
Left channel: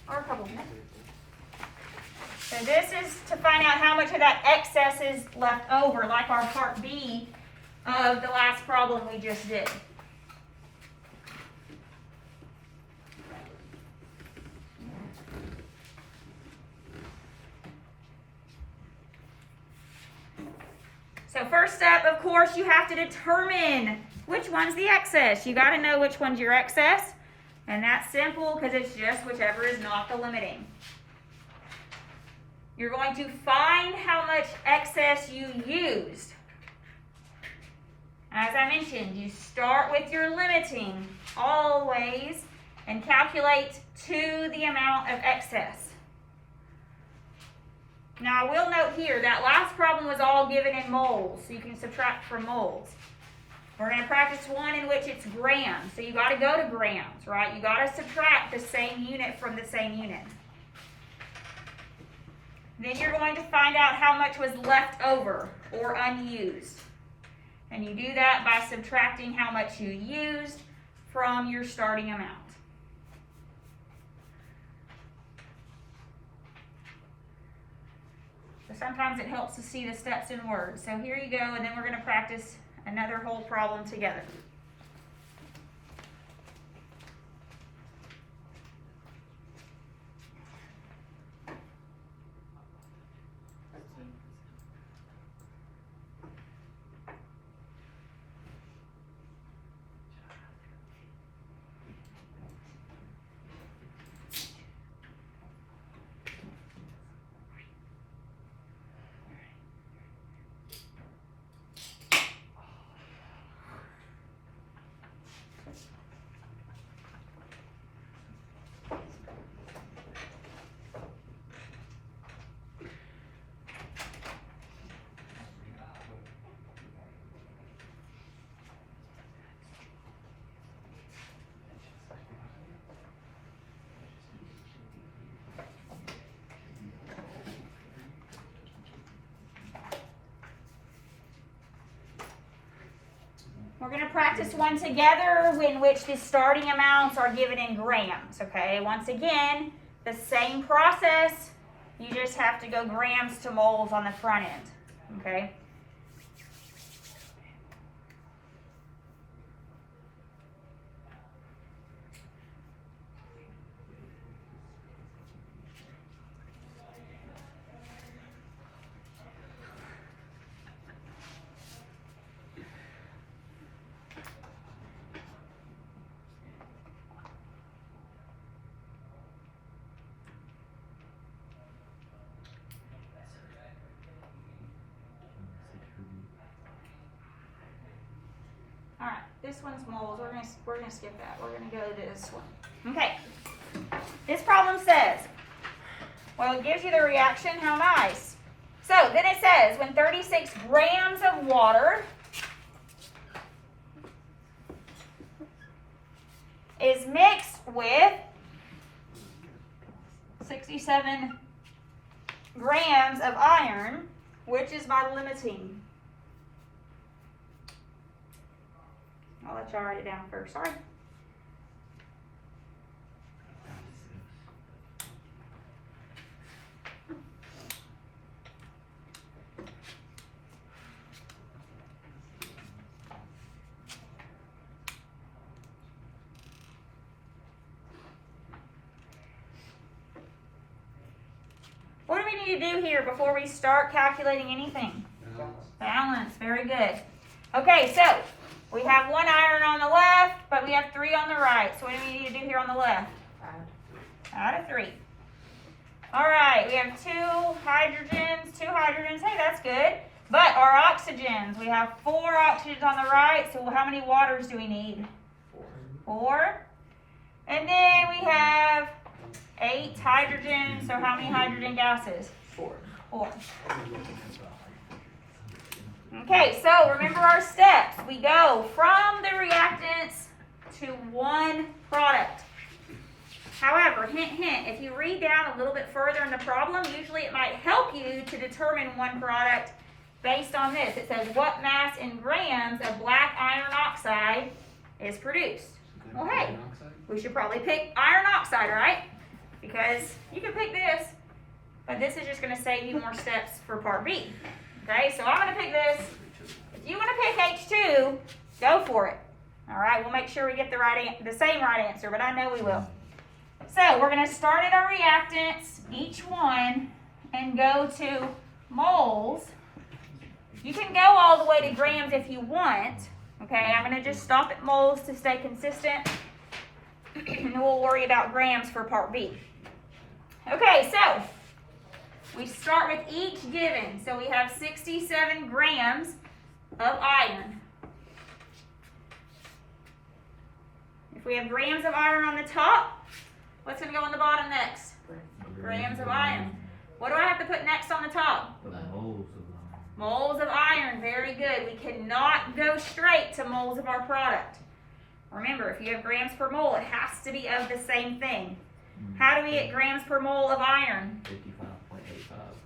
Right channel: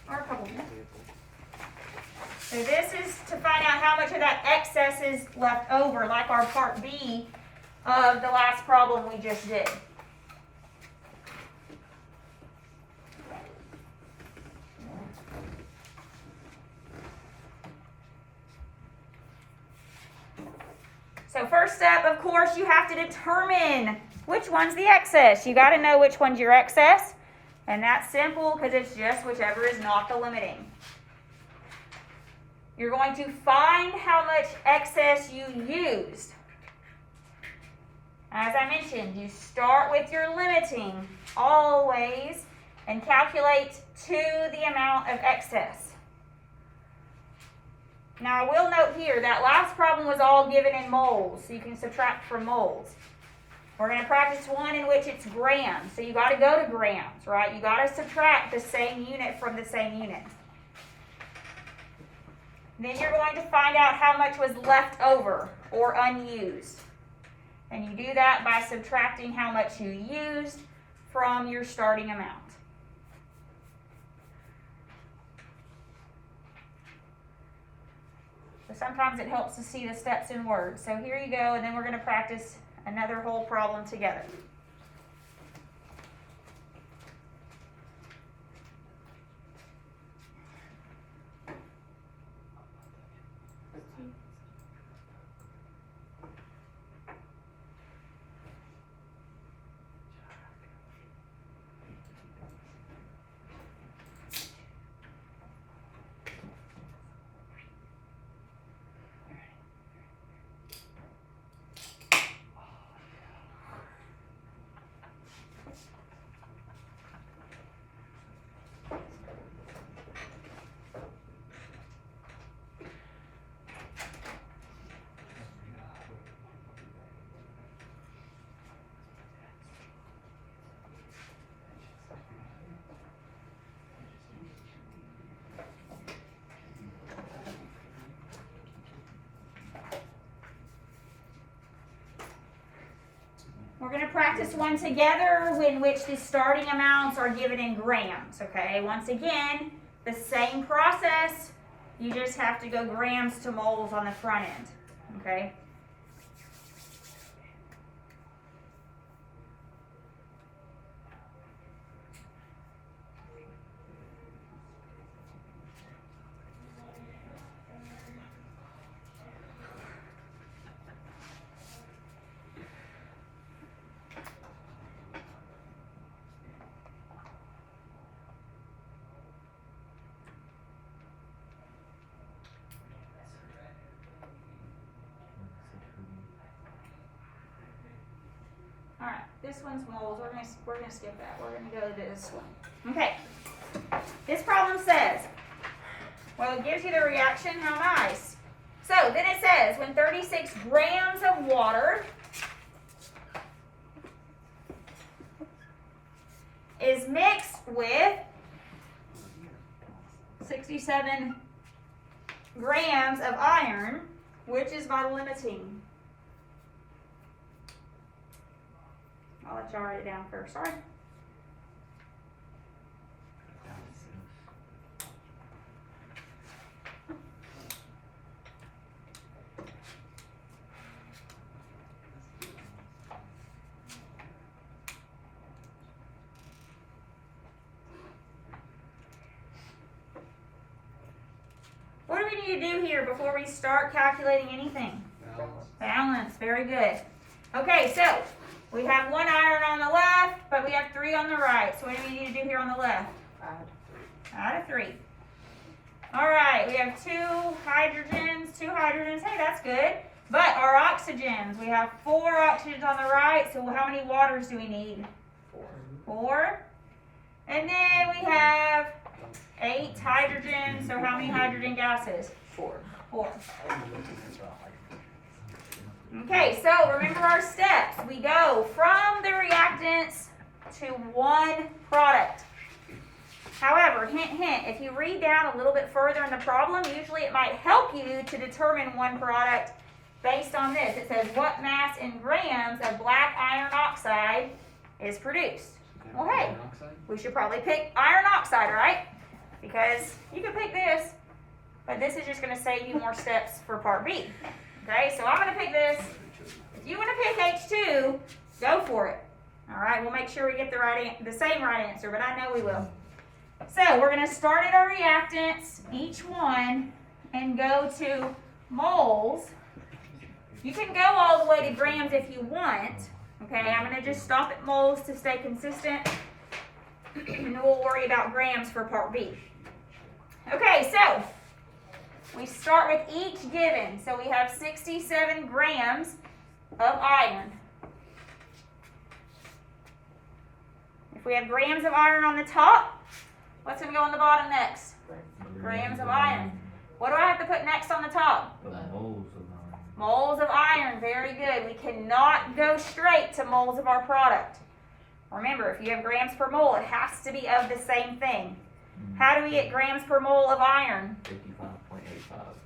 or a couple minutes. So this is to find out how much of that excess is left over, like our part B of the last problem we just did. So first step, of course, you have to determine which one's the excess. You got to know which one's your excess. And that's simple because it's just whichever is not the limiting. You're going to find how much excess you used. As I mentioned, you start with your limiting always and calculate to the amount of excess. Now I will note here that last problem was all given in moles, so you can subtract from moles. We're going to practice one in which it's grams, so you got to go to grams, right? You got to subtract the same unit from the same unit. Then you're going to find out how much was left over or unused. And you do that by subtracting how much you used from your starting amount. So sometimes it helps to see the steps in words. So here you go, and then we're going to practice another whole problem together. We're going to practice one together in which the starting amounts are given in grams, okay? Once again, the same process, you just have to go grams to moles on the front end, okay? This one's moles. We're gonna skip that. We're gonna go to this one. Okay. This problem says, well, it gives you the reaction. How nice. So then it says when 36 grams of water is mixed with 67 grams of iron, which is my limiting. I'll let y'all write it down first, sorry. What do we need to do here before we start calculating anything? Balance, very good. Okay, so we have one iron on the left, but we have 3 on the right. So what do we need to do here on the left? Add a 3. All right, we have 2 hydrogens. Hey, that's good. But our oxygens, we have 4 oxygens on the right. So how many waters do we need? 4. And then we have 8 hydrogens. So how many hydrogen gases? 4. Okay, so remember our steps. We go from the reactants to one product. However, hint, hint, if you read down a little bit further in the problem, usually it might help you to determine one product based on this. It says, what mass in grams of black iron oxide is produced? Well, hey, we should probably pick iron oxide, right? Because you can pick this, but this is just going to save you more steps for part B. Okay, so I'm going to pick this. If you want to pick H2, go for it. All right, we'll make sure we get the same right answer, but I know we will. So we're going to start at our reactants, each one, and go to moles. You can go all the way to grams if you want. Okay, I'm going to just stop at moles to stay consistent. And then we'll worry about grams for part B. Okay, so we start with each given. So we have 67 grams of iron. If we have grams of iron on the top, what's going to go on the bottom next? Grams of iron. What do I have to put next on the top? The moles of iron. Moles of iron. Very good. We cannot go straight to moles of our product. Remember, if you have grams per mole, it has to be of the same thing. How do we get grams per mole of iron? 55.85.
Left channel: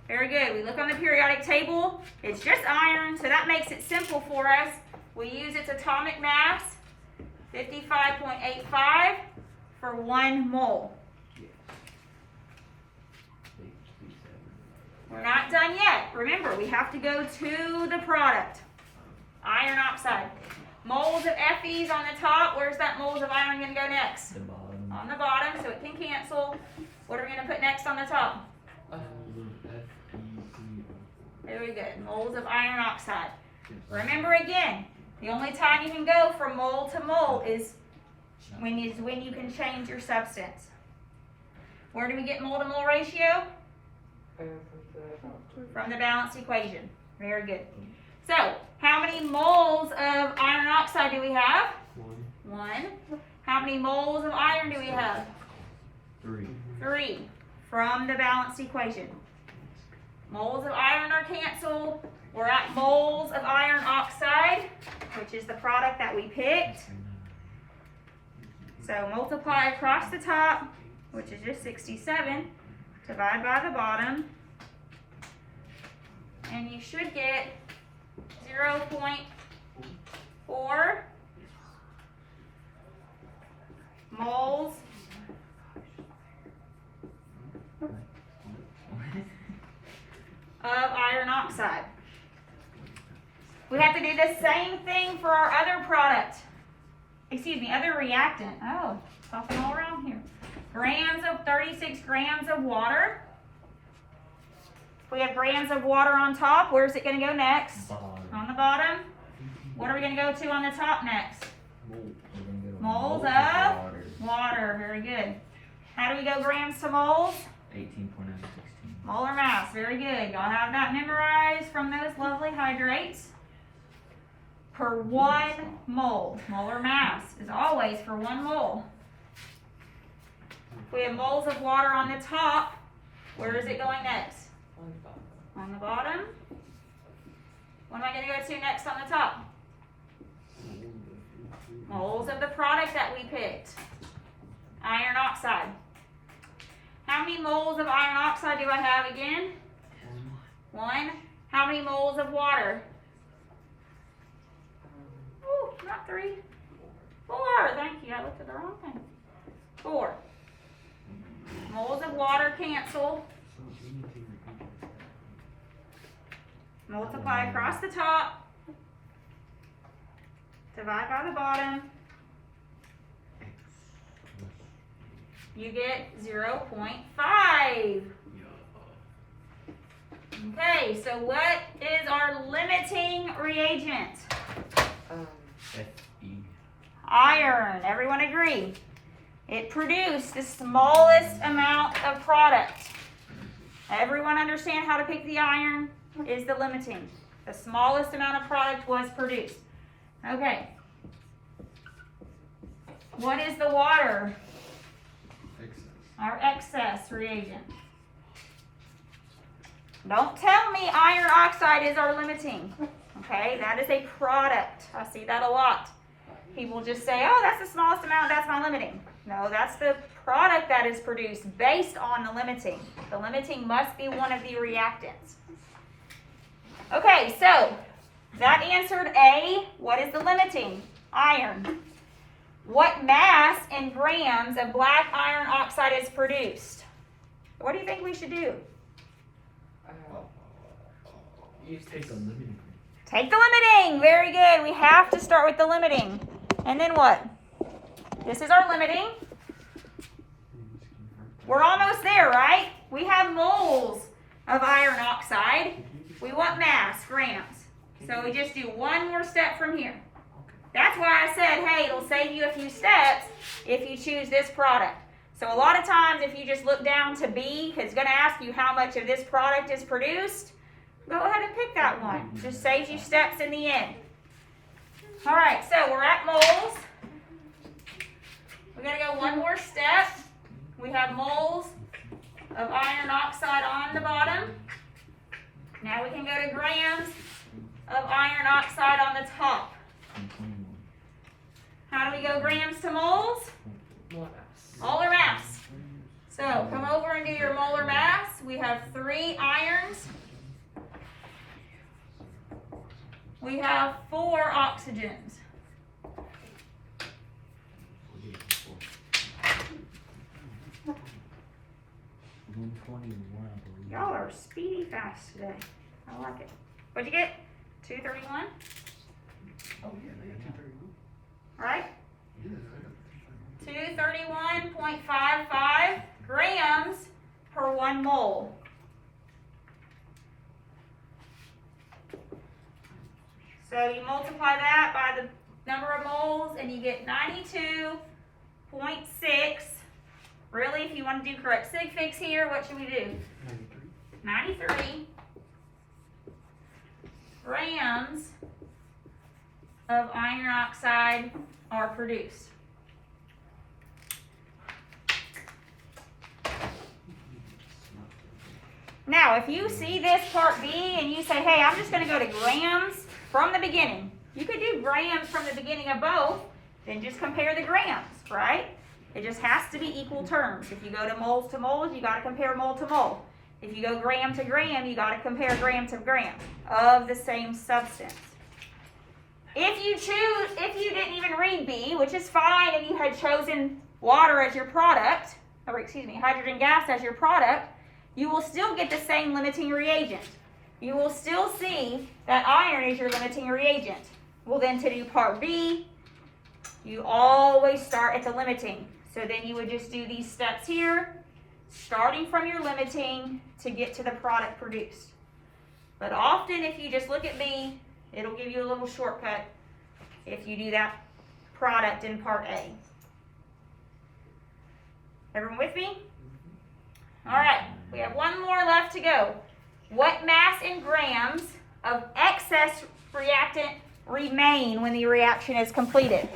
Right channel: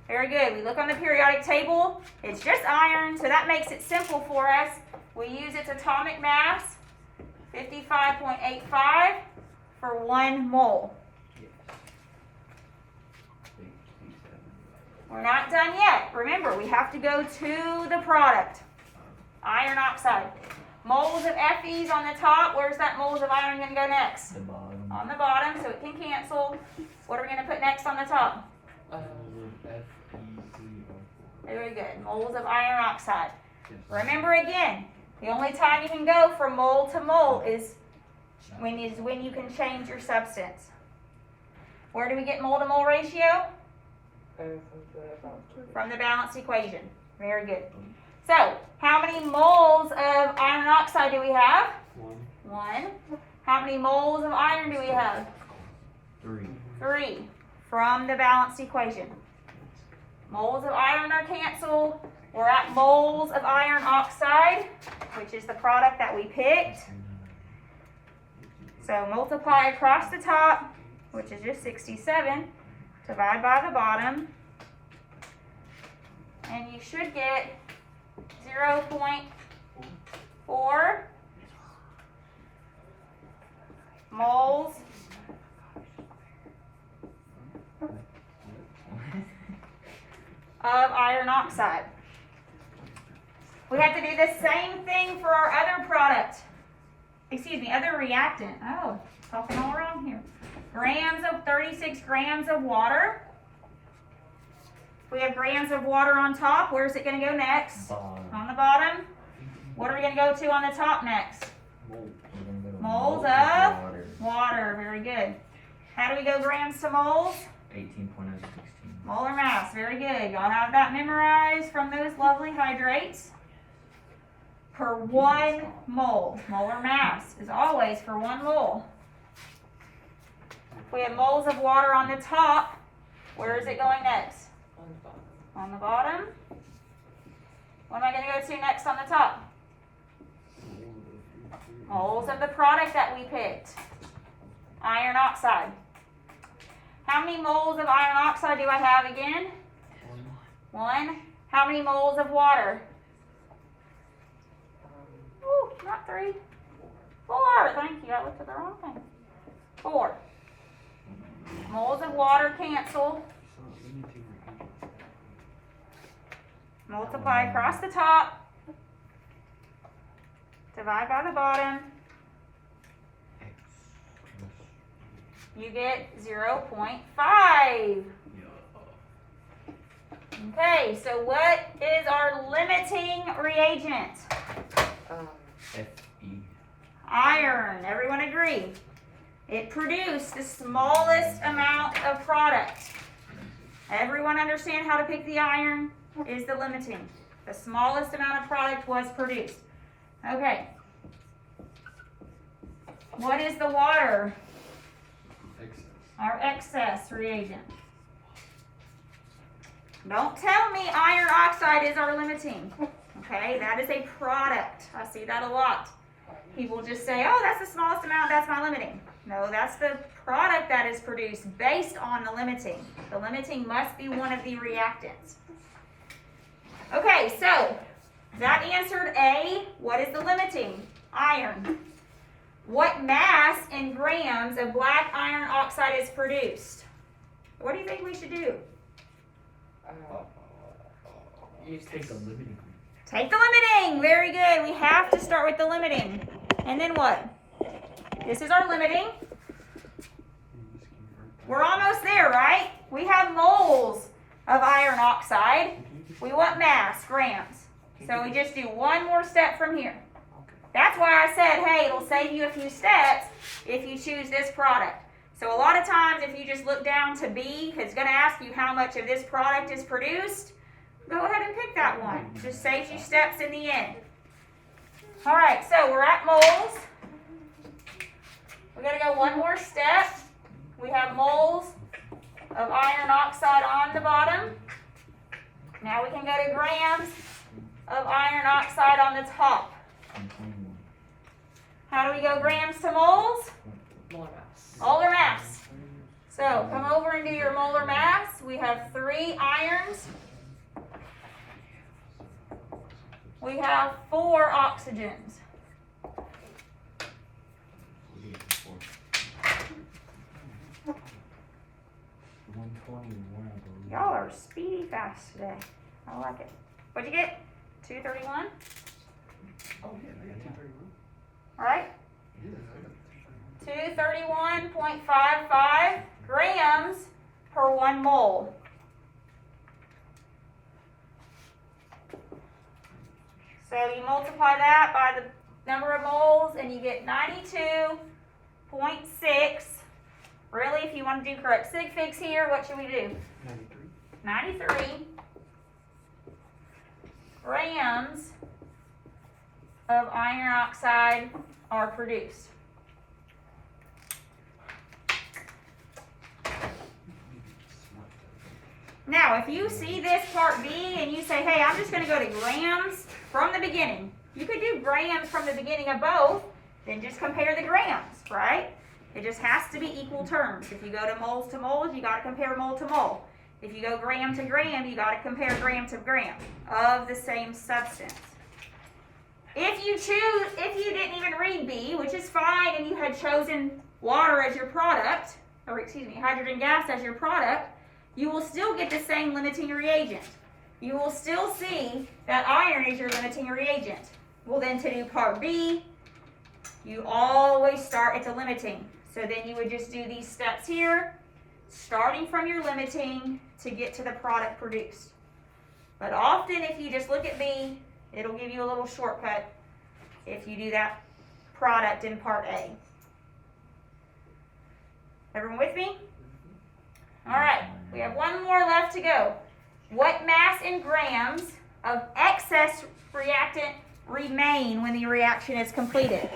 Very good. We look on the periodic table. It's just iron, so that makes it simple for us. We use its atomic mass, 55.85 for 1 mole. We're not done yet. Remember, we have to go to the product. Iron oxide. Moles of Fe's on the top. Where's that moles of iron going to go next? The bottom. On the bottom, so it can cancel. What are we going to put next on the top? Very good. Moles of iron oxide. Remember again, the only time you can go from mole to mole is when you can change your substance. Where do we get mole to mole ratio? From the balanced equation. Very good. So, how many moles of iron oxide do we have? 1. How many moles of iron do we have? 3. 3. From the balanced equation. Moles of iron are canceled. We're at moles of iron oxide, which is the product that we picked. So multiply across the top, which is just 67. Divide by the bottom. And you should get 0.4 moles of iron oxide. We have to do the same thing for our other product. Other reactant. Oh, talking all around here. 36 grams of water. If we have grams of water on top, where's it going to go next? Bottom. On the bottom. What are we going to go to on the top next? Moles of water. Very good. How do we go grams to moles? 18.016. Molar mass. Very good. Y'all have that memorized from those lovely hydrates. Per 1 mole. Molar mass is always for 1 mole. If we have moles of water on the top, where is it going next? On the bottom. What am I going to go to next on the top? Moles of the product that we picked. Iron oxide. How many moles of iron oxide do I have again? 1. How many moles of water? Ooh, not 3. 4. Thank you. I looked at the wrong thing. 4. Moles of water cancel. Multiply across the top. Divide by the bottom. You get 0.5. Okay, so what is our limiting reagent? Fe. Iron. Everyone agree? It produced the smallest amount of product. Everyone understand how to pick the iron is the limiting. The smallest amount of product was produced. Okay. What is the water? Our excess reagent. Don't tell me iron oxide is our limiting. Okay, that is a product. I see that a lot. People just say, oh, that's the smallest amount, that's my limiting. No, that's the product that is produced based on the limiting. The limiting must be one of the reactants. Okay, so that answered A. What is the limiting? Iron. What mass in grams of black iron oxide is produced? What do you think we should do? Take the limiting. Take the limiting. Very good. We have to start with the limiting. And then what? This is our limiting. We're almost there, right? We have moles of iron oxide. We want mass, grams. So we just do one more step from here. That's why I said, hey, it'll save you a few steps if you choose this product. So a lot of times if you just look down to B, it's going to ask you how much of this product is produced, go ahead and pick that one. Just saves you steps in the end. All right, so we're at moles. We're going to go one more step. We have moles of iron oxide on the bottom. Now we can go to grams of iron oxide on the top. How do we go grams to moles? Molar mass. Molar mass. So come over and do your molar mass. We have 3 irons. We have 4 oxygens. Y'all are speedy fast today. I like it. What'd you get? 231? All right. 231.55 grams per 1 mole. So you multiply that by the number of moles and you get 92.6. Really, if you want to do correct sig figs here, what should we do? 93 grams of iron oxide are produced. Now, if you see this part B and you say, hey, I'm just going to go to grams from the beginning. You could do grams from the beginning of both, then just compare the grams, right? It just has to be equal terms. If you go to moles, you got to compare mole to mole. If you go gram to gram, you got to compare gram to gram of the same substance. If you didn't even read B, which is fine, and you had chosen water as your product, or excuse me, hydrogen gas as your product, you will still get the same limiting reagent. You will still see that iron is your limiting reagent. Well, then to do part B, you always start at the limiting. So then you would just do these steps here, starting from your limiting to get to the product produced. But often if you just look at B, it'll give you a little shortcut if you do that product in part A. Everyone with me? All right, we have one more left to go. What mass in grams of excess reactant remain when the reaction is completed?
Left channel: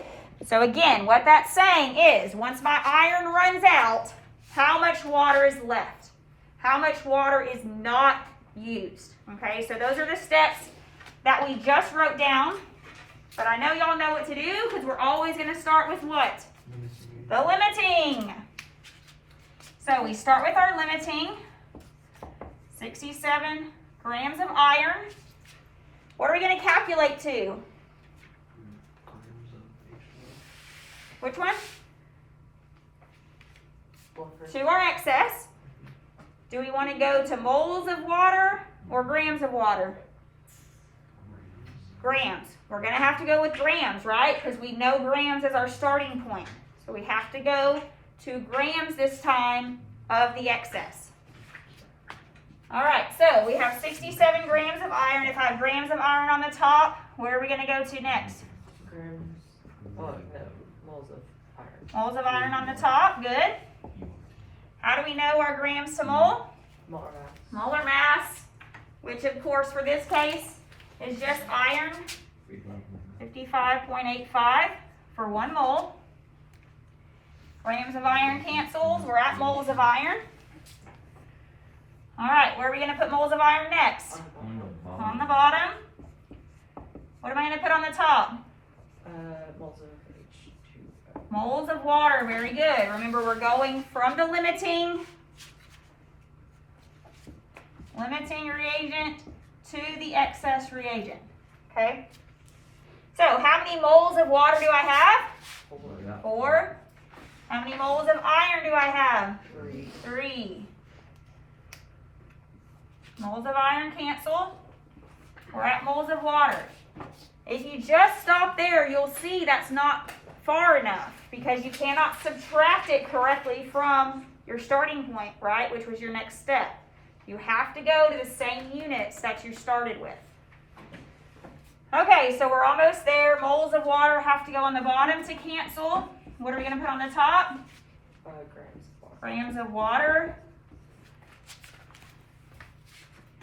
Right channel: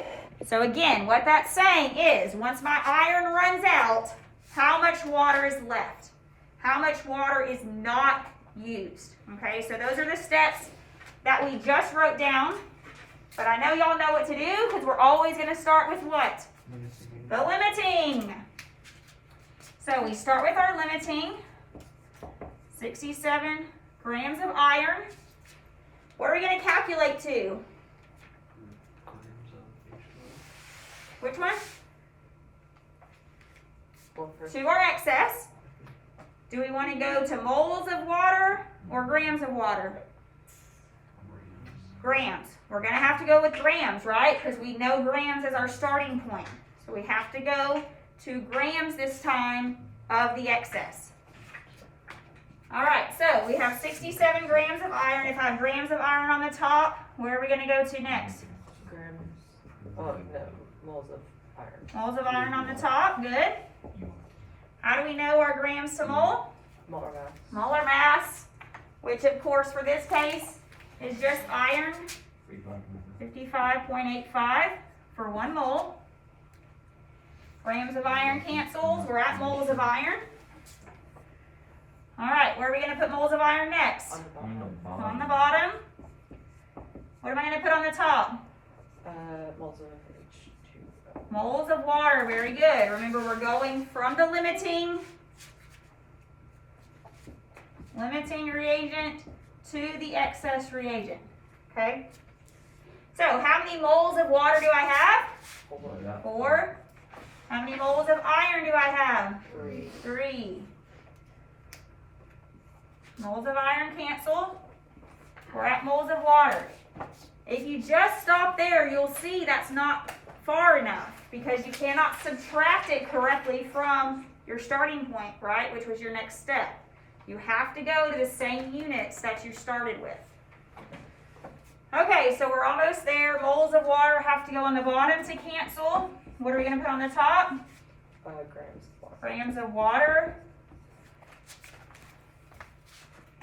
So again, what that's saying is, once my iron runs out, how much water is left? How much water is not used? Okay, so those are the steps that we just wrote down. But I know y'all know what to do because we're always going to start with what? The limiting. So we start with our limiting. 67 grams of iron. What are we going to calculate to? Which one? To our excess. Do we want to go to moles of water or grams of water? Grams. We're going to have to go with grams, right? Because we know grams is our starting point. So we have to go to grams this time of the excess. All right, so we have 67 grams of iron. If I have grams of iron on the top, where are we going to go to next? Grams. Oh, no. Moles of iron. Moles of iron on the top. Good. How do we know our grams to mole? Molar mass. Molar mass, which of course for this case is just iron, 55.85 for 1 mole. Grams of iron cancels. We're at moles of iron. All right, where are we going to put moles of iron next? On the bottom. What am I going to put on the top? Moles of H2O. Moles of water. Very good. Remember, we're going from the limiting reagent to the excess reagent. Okay? So, how many moles of water do I have? 4. How many moles of iron do I have? 3. Moles of iron cancel. We're at moles of water. If you just stop there, you'll see that's not far enough because you cannot subtract it correctly from your starting point, right, which was your next step. You have to go to the same units that you started with. Okay, so we're almost there. Moles of water have to go on the bottom to cancel. What are we gonna put on the top? Grams of water. Grams of water.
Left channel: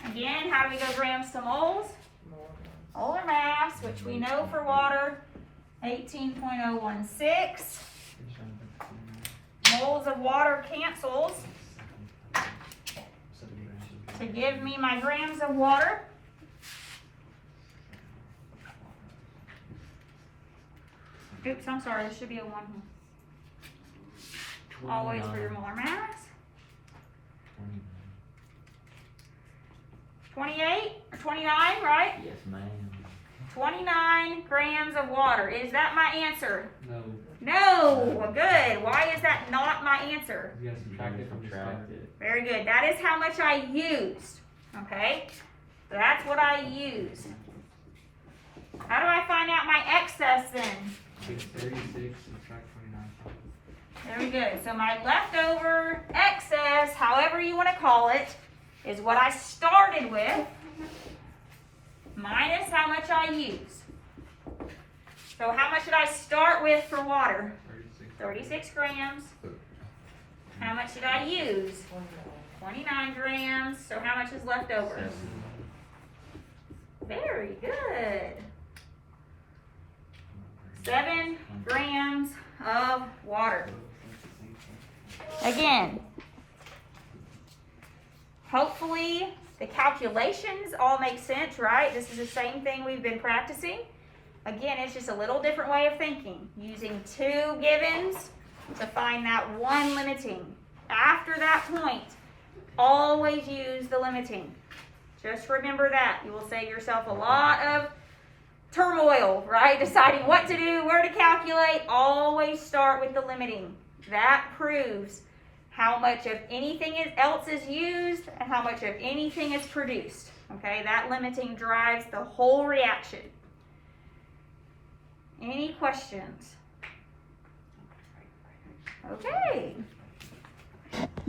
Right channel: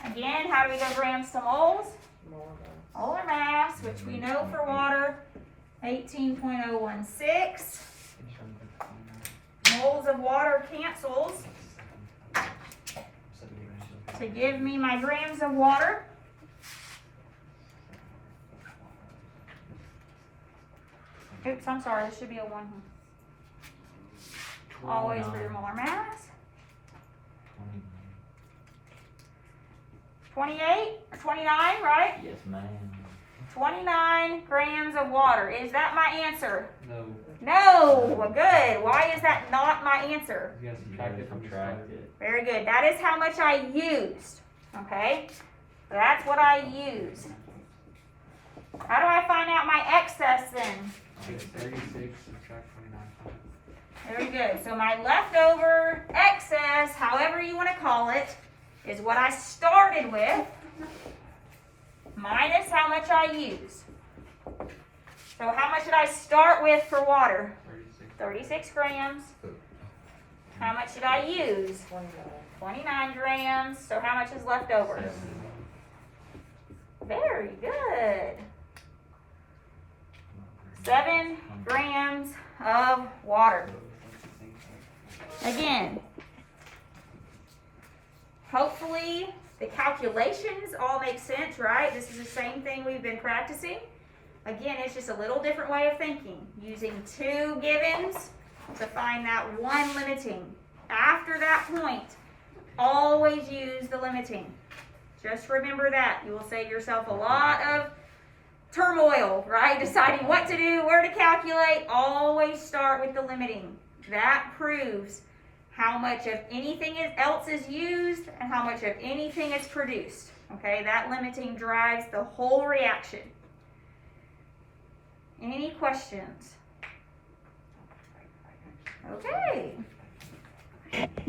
Again, how do we go grams to moles? More grams. Molar mass, which we know for water, 18.016. Moles of water cancels to give me my grams of water. Oops, I'm sorry, there should be a 1 here. Always for your molar mass. 28 or 29, right? Yes, ma'am. 29 grams of water. Is that my answer? No, No. Good. Why is that not my answer? you guys You subtract gotta it from the subtract start. it. Very good. That is how much I used. Okay? So that's what I used. How do I find out my excess then? It's 36, subtract 29. Very good. So my leftover excess, however you want to call it, is what I started with minus how much I used. So how much did I start with for water? 36 grams. How much did I use? 29 grams. So how much is left over? 7. Very good. 7 grams of water. Again, hopefully the calculations all make sense, right? This is the same thing we've been practicing. Again, it's just a little different way of thinking, using 2 givens to find that one limiting. After that point, always use the limiting. Just remember that. You will save yourself a lot of turmoil, right? Deciding what to do, where to calculate. Always start with the limiting. That proves how much of anything else is used and how much of anything is produced. Okay, that limiting drives the whole reaction. Any questions? Okay.